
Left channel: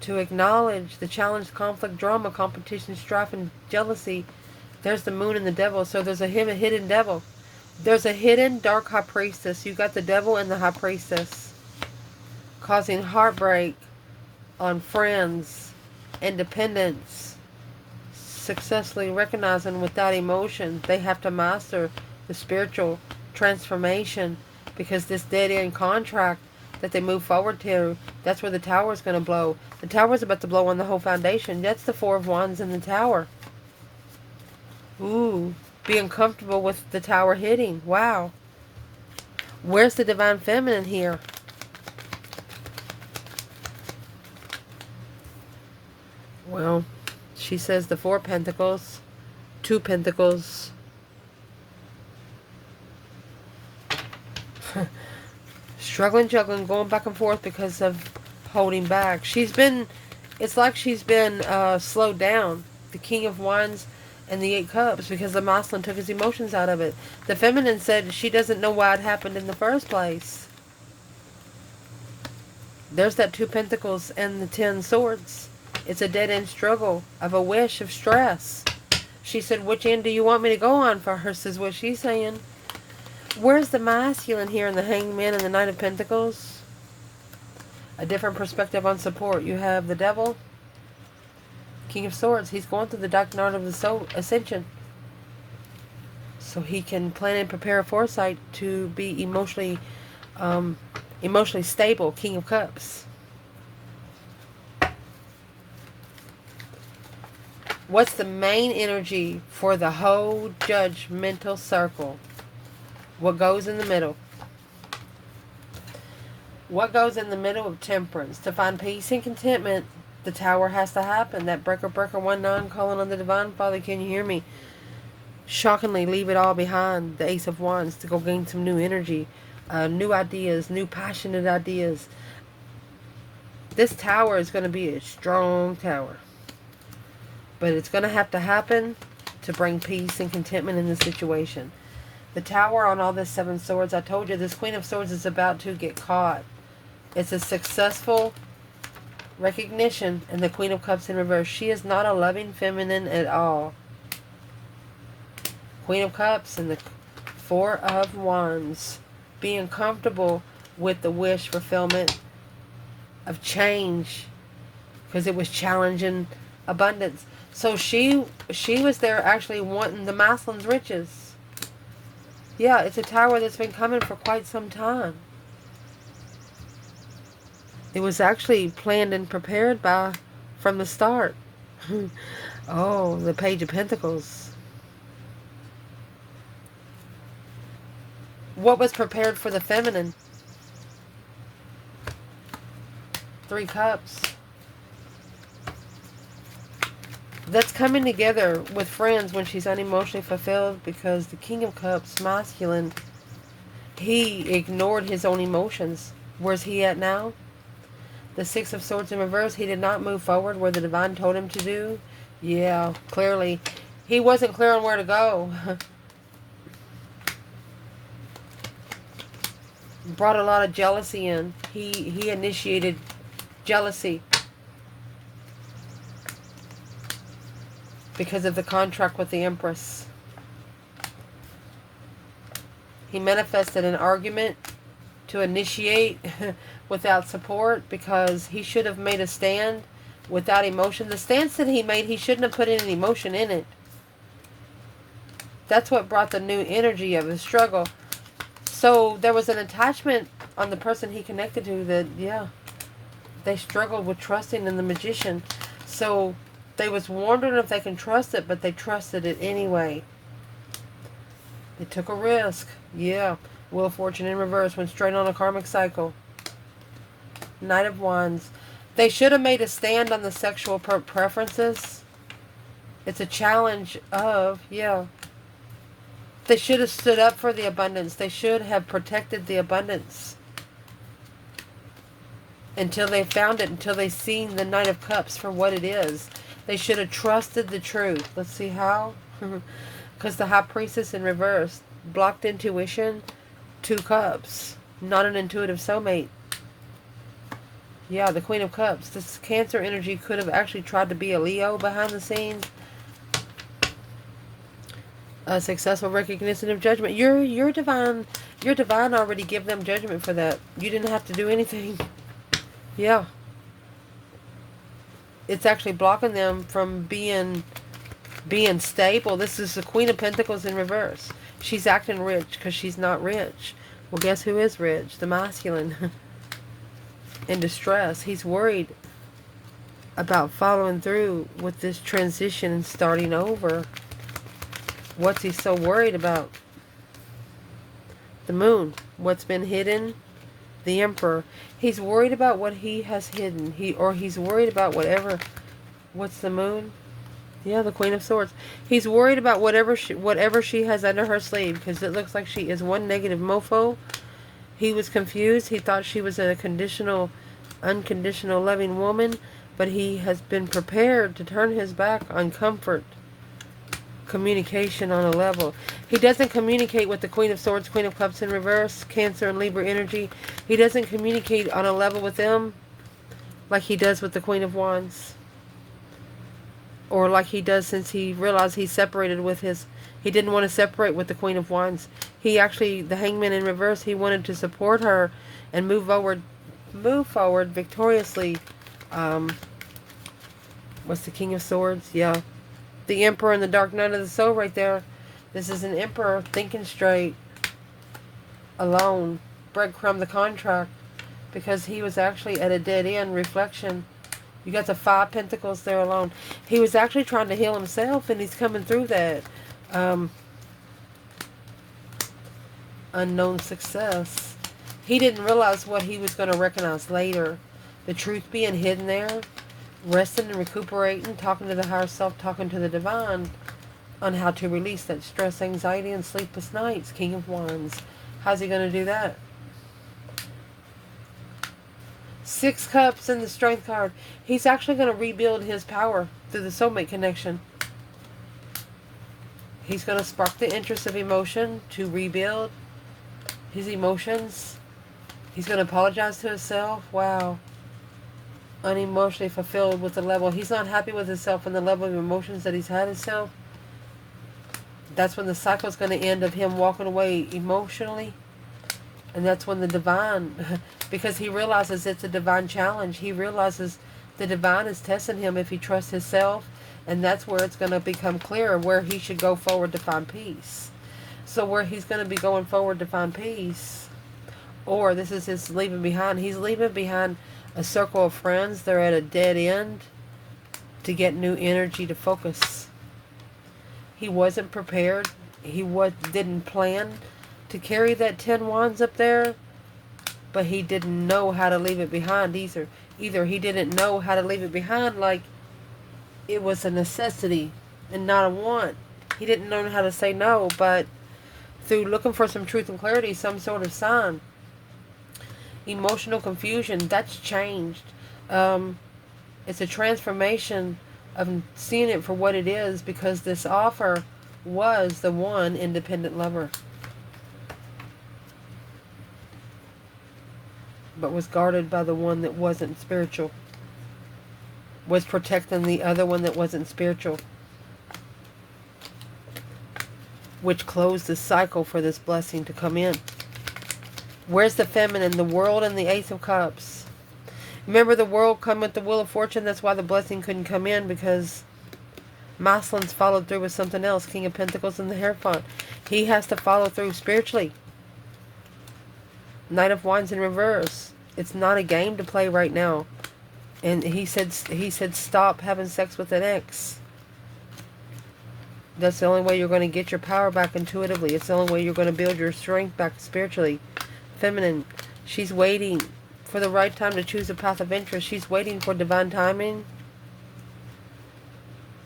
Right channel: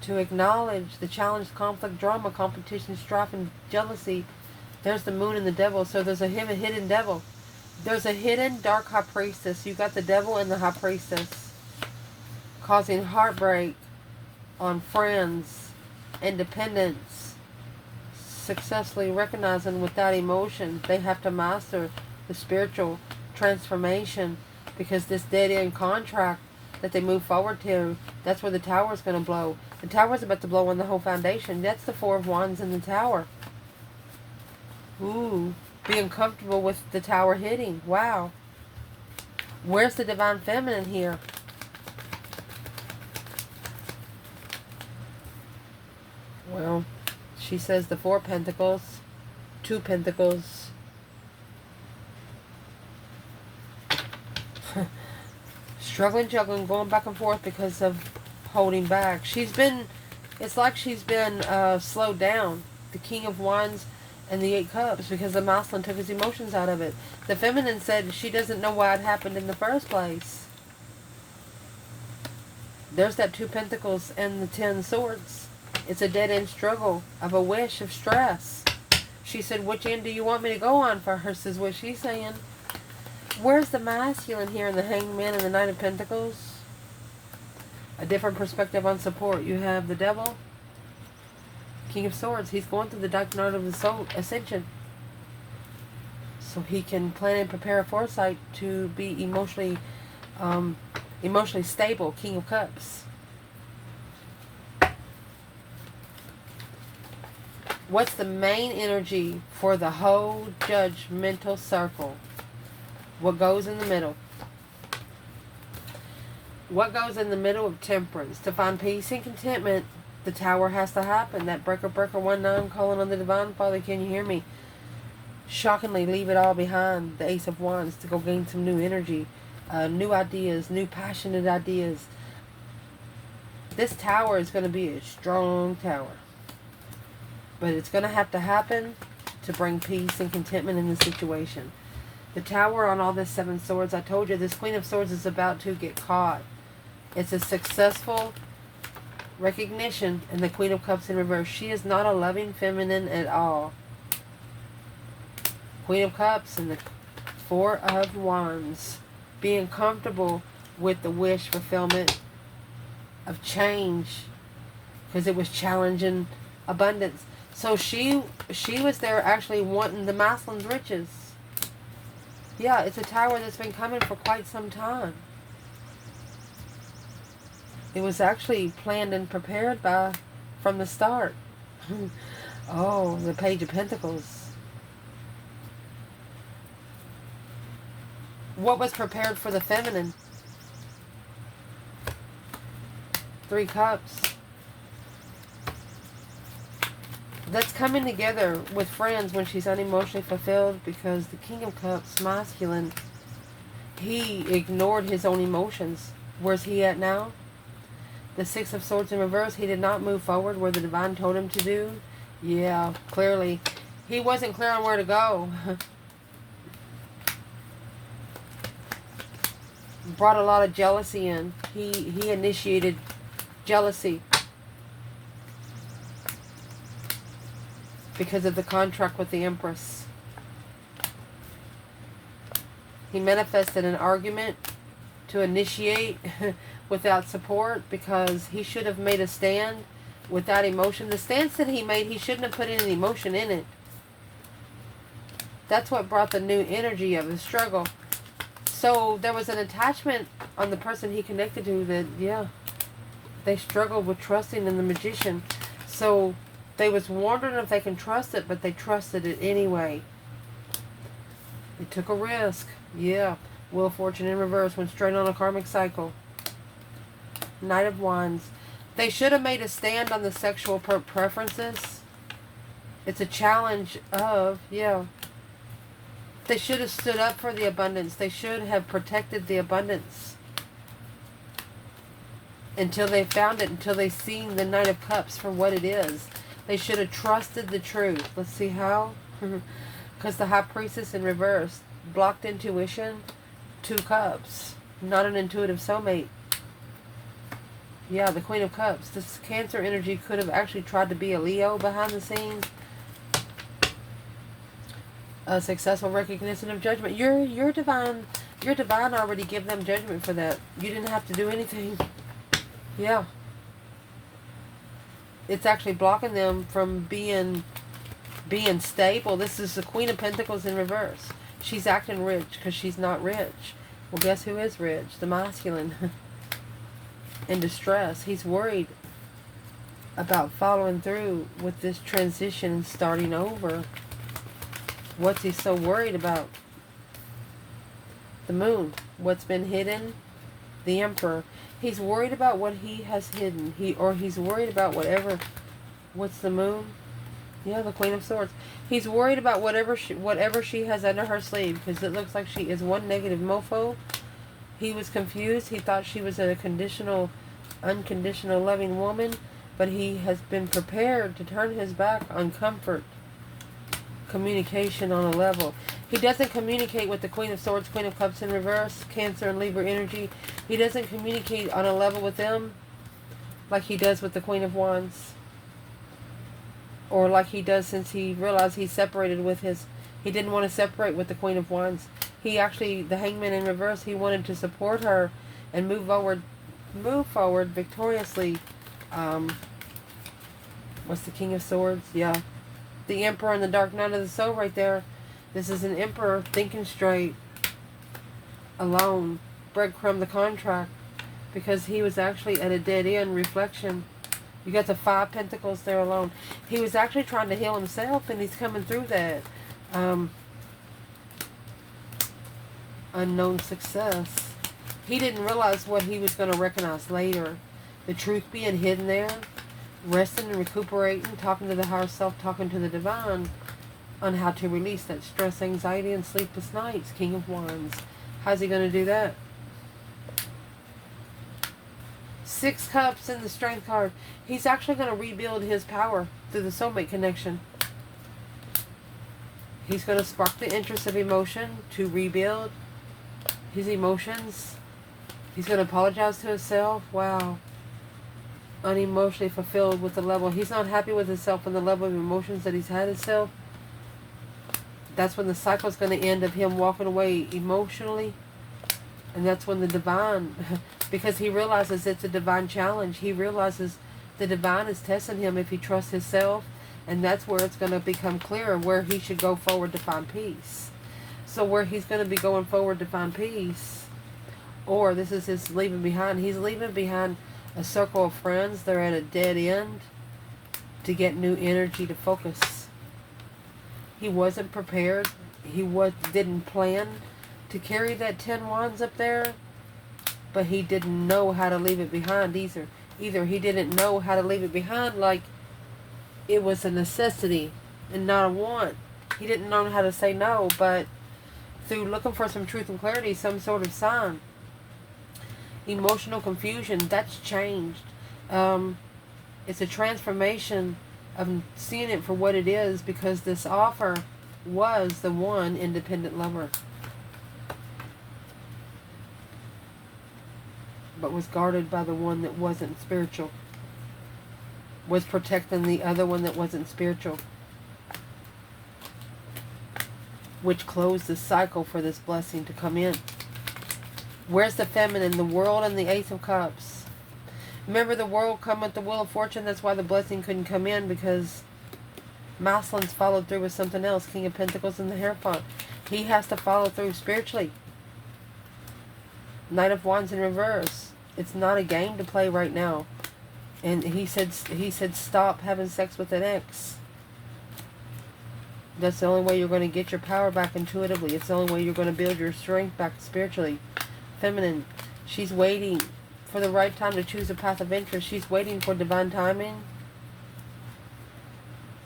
to acknowledge the challenge, conflict, drama, competition, strife, and jealousy. There's the Moon and the Devil, so there's a hidden devil. There's a hidden dark High Priestess. You got the Devil and the High Priestess, causing heartbreak on friends, independence, successfully recognizing without emotion. They have to master the spiritual transformation, because this dead-end contract that they move forward to. That's where the tower is going to blow. The tower is about to blow on the whole foundation. That's the Four of Wands in the tower. Ooh, being comfortable with the tower hitting. Wow. Where's the Divine Feminine here? Well, she says the Four Pentacles, Two Pentacles. Struggling, juggling, going back and forth because of holding back. It's like she's been slowed down. The King of Wands and the Eight Cups, because the masculine took his emotions out of it. The feminine said she doesn't know why it happened in the first place. There's that Two Pentacles and the Ten Swords. It's a dead-end struggle of a wish of stress. She said, which end do you want me to go on for her, is what she's saying. Where's the masculine here in the Hanged Man and the Knight of Pentacles? A different perspective on support. You have the Devil, King of Swords. He's going through the dark night of the soul ascension. So he can plan and prepare a foresight to be emotionally stable. King of Cups. What's the main energy for the whole judgmental circle? What goes in the middle? What goes in the middle of Temperance? To find peace and contentment, the tower has to happen. That breaker 19 calling on the Divine Father, can you hear me? Shockingly, leave it all behind. The Ace of Wands to go gain some new energy, new ideas, new passionate ideas. This tower is going to be a strong tower. But it's going to have to happen to bring peace and contentment in the situation. The tower on all this Seven Swords, I told you, this Queen of Swords is about to get caught. It's a successful recognition in the Queen of Cups in reverse. She is not a loving feminine at all. Queen of Cups and the Four of Wands. Being comfortable with the wish fulfillment of change. Because it was challenging abundance. So she was there actually wanting the masculine's riches. Yeah, it's a tower that's been coming for quite some time. It was actually planned and prepared from the start. Oh, the Page of Pentacles. What was prepared for the feminine? Three Cups. That's coming together with friends when she's unemotionally fulfilled, because the King of Cups, masculine, he ignored his own emotions. Where's he at now? The Six of Swords in reverse. He did not move forward where the Divine told him to do. Yeah, clearly. He wasn't clear on where to go. Brought a lot of jealousy in. He initiated jealousy. Because of the contract with the Empress. He manifested an argument to initiate without support, because he should have made a stand without emotion. The stance that he made, he shouldn't have put any emotion in it. That's what brought the new energy of the struggle. So there was an attachment on the person he connected to that, yeah, they struggled with trusting in the Magician. So they was wondering if they can trust it, but they trusted it anyway. They took a risk. Yeah. Wheel of Fortune in reverse, went straight on a karmic cycle. Knight of Wands. They should have made a stand on the sexual preferences. It's a challenge of, yeah. They should have stood up for the abundance. They should have protected the abundance. Until they found it, until they seen the Knight of Cups for what it is. They should have trusted the truth. Let's see how. Because the High Priestess in reverse. Blocked intuition. Two Cups. Not an intuitive soulmate. Yeah, the Queen of Cups. This Cancer energy could have actually tried to be a Leo behind the scenes. A successful recognition of judgment. Your divine already give them judgment for that. You didn't have to do anything. Yeah. It's actually blocking them from being stable. This is the Queen of Pentacles in reverse. She's acting rich because she's not rich. Well, guess who is rich? The masculine. in distress. He's worried about following through with this transition and starting over. What's he so worried about? The Moon. What's been hidden? The Emperor. He's worried about what he has hidden. He's worried about whatever. What's the Moon? Yeah, the Queen of Swords. He's worried about whatever she has under her sleeve, because it looks like she is one negative mofo. He was confused. He thought she was a conditional, unconditional loving woman, but he has been prepared to turn his back on comfort, communication on a level. He doesn't communicate with the Queen of Swords, Queen of Cups in reverse, Cancer and Libra energy. He doesn't communicate on a level with them like he does with the Queen of Wands. Or like he does since he realized he separated with his... He didn't want to separate with the Queen of Wands. He actually, the Hangman in reverse, he wanted to support her and move forward victoriously. What's the King of Swords? Yeah. The Emperor and the Dark Knight of the Soul right there. This is an Emperor thinking straight, alone, breadcrumb the contract, because he was actually at a dead end. Reflection. You got the 5 Pentacles there alone. He was actually trying to heal himself, and he's coming through that. Unknown success. He didn't realize what he was going to recognize later. The truth being hidden there. Resting and recuperating, talking to the higher self, talking to the divine on how to release that stress, anxiety, and sleepless nights. King of Wands. How's he going to do that? 6 Cups in the Strength card. He's actually going to rebuild his power through the soulmate connection. He's going to spark the interest of emotion to rebuild his emotions. He's going to apologize to himself. Wow. Unemotionally fulfilled with the level. He's not happy with himself and the level of emotions that he's had himself. That's when the cycle is going to end of him walking away emotionally. And that's when the divine, because he realizes it's a divine challenge. He realizes the divine is testing him if he trusts himself. And that's where it's going to become clearer where he should go forward to find peace. So where he's going to be going forward to find peace, or this is his leaving behind. He's leaving behind a circle of friends. They're at a dead end to get new energy to focus. He wasn't prepared. He didn't plan to carry that 10 wands up there, but he didn't know how to leave it behind either. Either he didn't know how to leave it behind like it was a necessity and not a want. He didn't know how to say no, but through looking for some truth and clarity, some sort of sign. Emotional confusion, that's changed. It's a transformation of seeing it for what it is, because this offer was the one independent lover, but was guarded by the one that wasn't spiritual, was protecting the other one that wasn't spiritual, which closed the cycle for this blessing to come in. Where's the feminine? The World and the Ace of Cups. Remember, the World come with the Wheel of Fortune. That's why the blessing couldn't come in, because Masculine's followed through with something else. King of Pentacles and the Hierophant. He has to follow through spiritually. Knight of Wands in reverse. It's not a game to play right now. And he said stop having sex with an ex. That's the only way you're going to get your power back intuitively. It's the only way you're going to build your strength back spiritually. Feminine. She's waiting for the right time to choose a path of interest. She's waiting for divine timing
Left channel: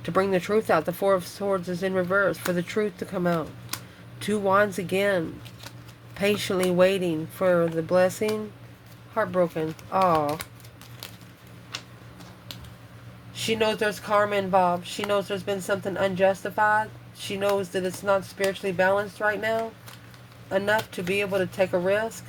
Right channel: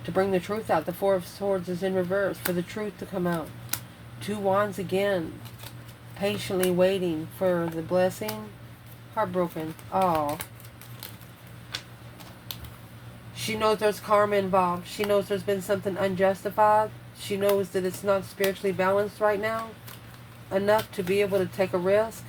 to bring the truth out. The Four of Swords is in reverse for the truth to come out. 2 wands again. Patiently waiting for the blessing. Heartbroken. Aw. She knows there's karma involved. She knows there's been something unjustified. She knows that it's not spiritually balanced right now enough to be able to take a risk.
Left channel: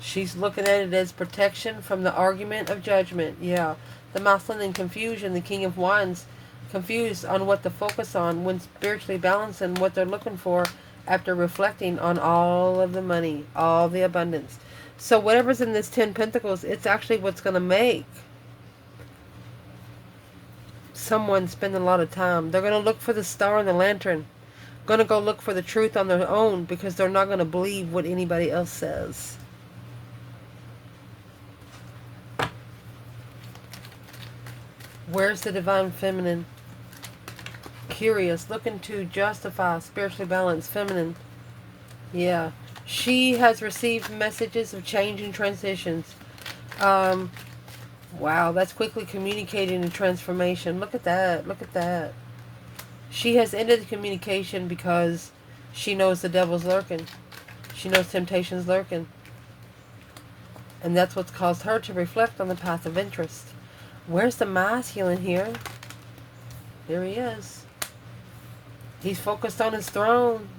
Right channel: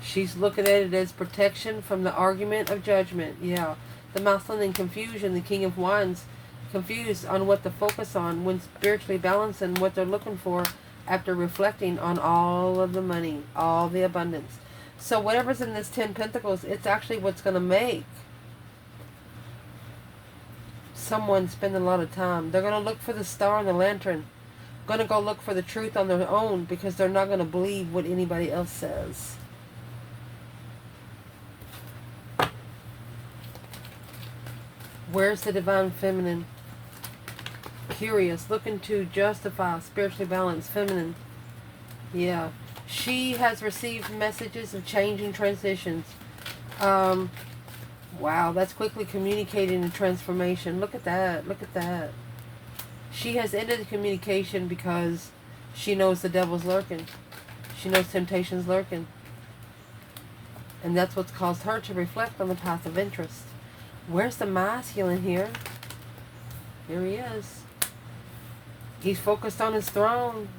She's looking at it as protection from the argument of judgment. Yeah. The Masculine in confusion. The King of Wands confused on what to focus on when spiritually balancing what they're looking for after reflecting on all of the money, all the abundance. So whatever's in this 10 Pentacles, it's actually what's going to make someone spend a lot of time. They're going to look for the star and the lantern. Going to go look for the truth on their own, because they're not going to believe what anybody else says. Where's the divine feminine? Curious, looking to justify, spiritually balanced feminine. Yeah. She has received messages of change and transitions. Wow, that's quickly communicating a transformation. Look at that. Look at that. She has ended the communication because she knows the devil's lurking. She knows temptation's lurking. And that's what's caused her to reflect on the path of interest. Where's the masculine here? There he is. He's focused on his throne.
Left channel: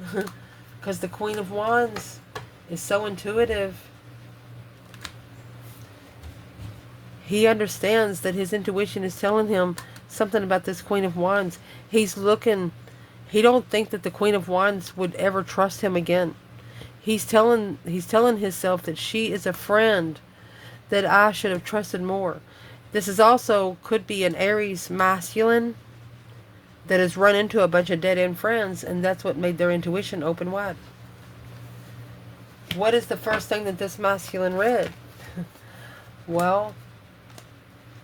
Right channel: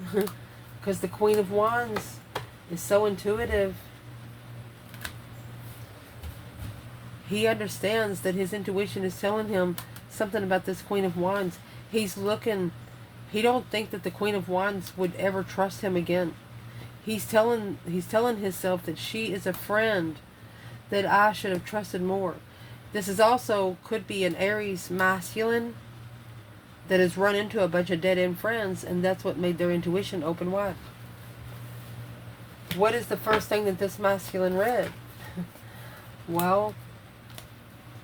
Because the Queen of Wands is so intuitive. He understands that his intuition is telling him something about this Queen of Wands. He's looking. He don't think that the Queen of Wands would ever trust him again. He's telling himself that she is a friend that I should have trusted more. This is also could be an Aries masculine that has run into a bunch of dead-end friends, and that's what made their intuition open wide. What is the first thing that this masculine read? Well,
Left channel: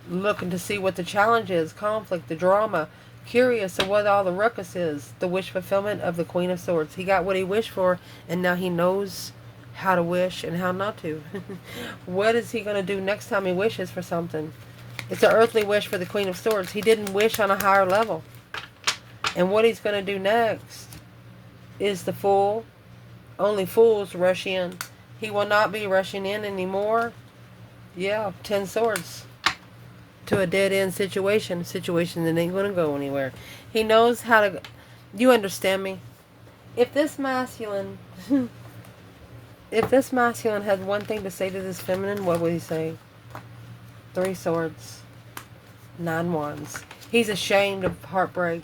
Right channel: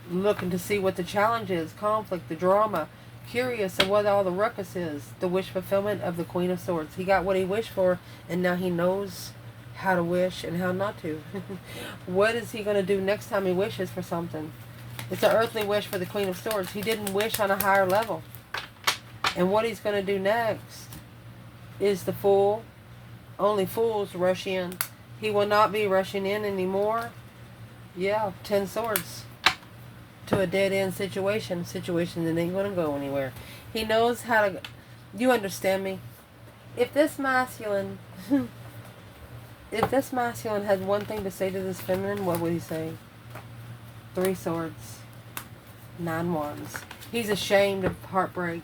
looking to see what the challenge is, conflict, the drama, curious of what all the ruckus is, the wish fulfillment of the Queen of Swords. He got what he wished for, and now he knows how to wish and how not to. What is he going to do next time he wishes for something? It's an earthly wish for the Queen of Swords. He didn't wish on a higher level. And what he's going to do next is the Fool. Only fools rush in. He will not be rushing in anymore. Yeah, 10 swords. To a dead-end situation. A situation that ain't going to go anywhere. He knows how to... You understand me? If this masculine... if this masculine had one thing to say to this feminine, what would he say? 3 swords. 9 wands. He's ashamed of heartbreak.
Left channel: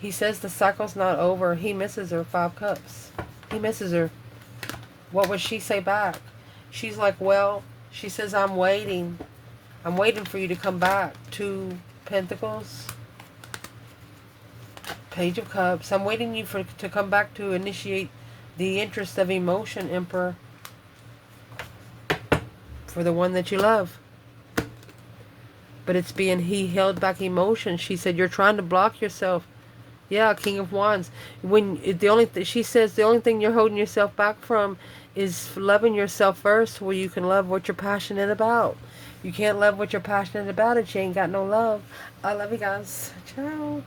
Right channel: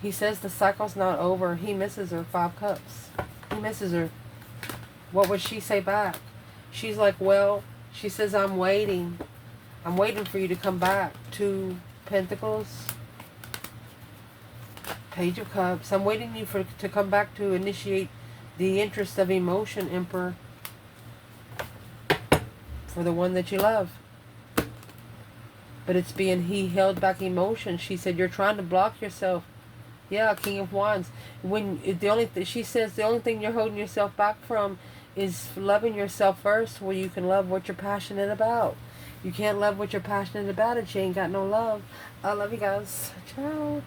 He says the cycle's not over. He misses her. 5 cups. He misses her. What would she say back? She's like, well, she says, I'm waiting. I'm waiting for you to come back. 2 pentacles. Page of Cups. I'm waiting you to come back to initiate the interest of emotion, Emperor. For the one that you love. But it's being he held back emotion. She said, you're trying to block yourself. Yeah, King of Wands. When she says the only thing you're holding yourself back from is loving yourself first, where you can love what you're passionate about. You can't love what you're passionate about if you ain't got no love. I love you guys. Ciao.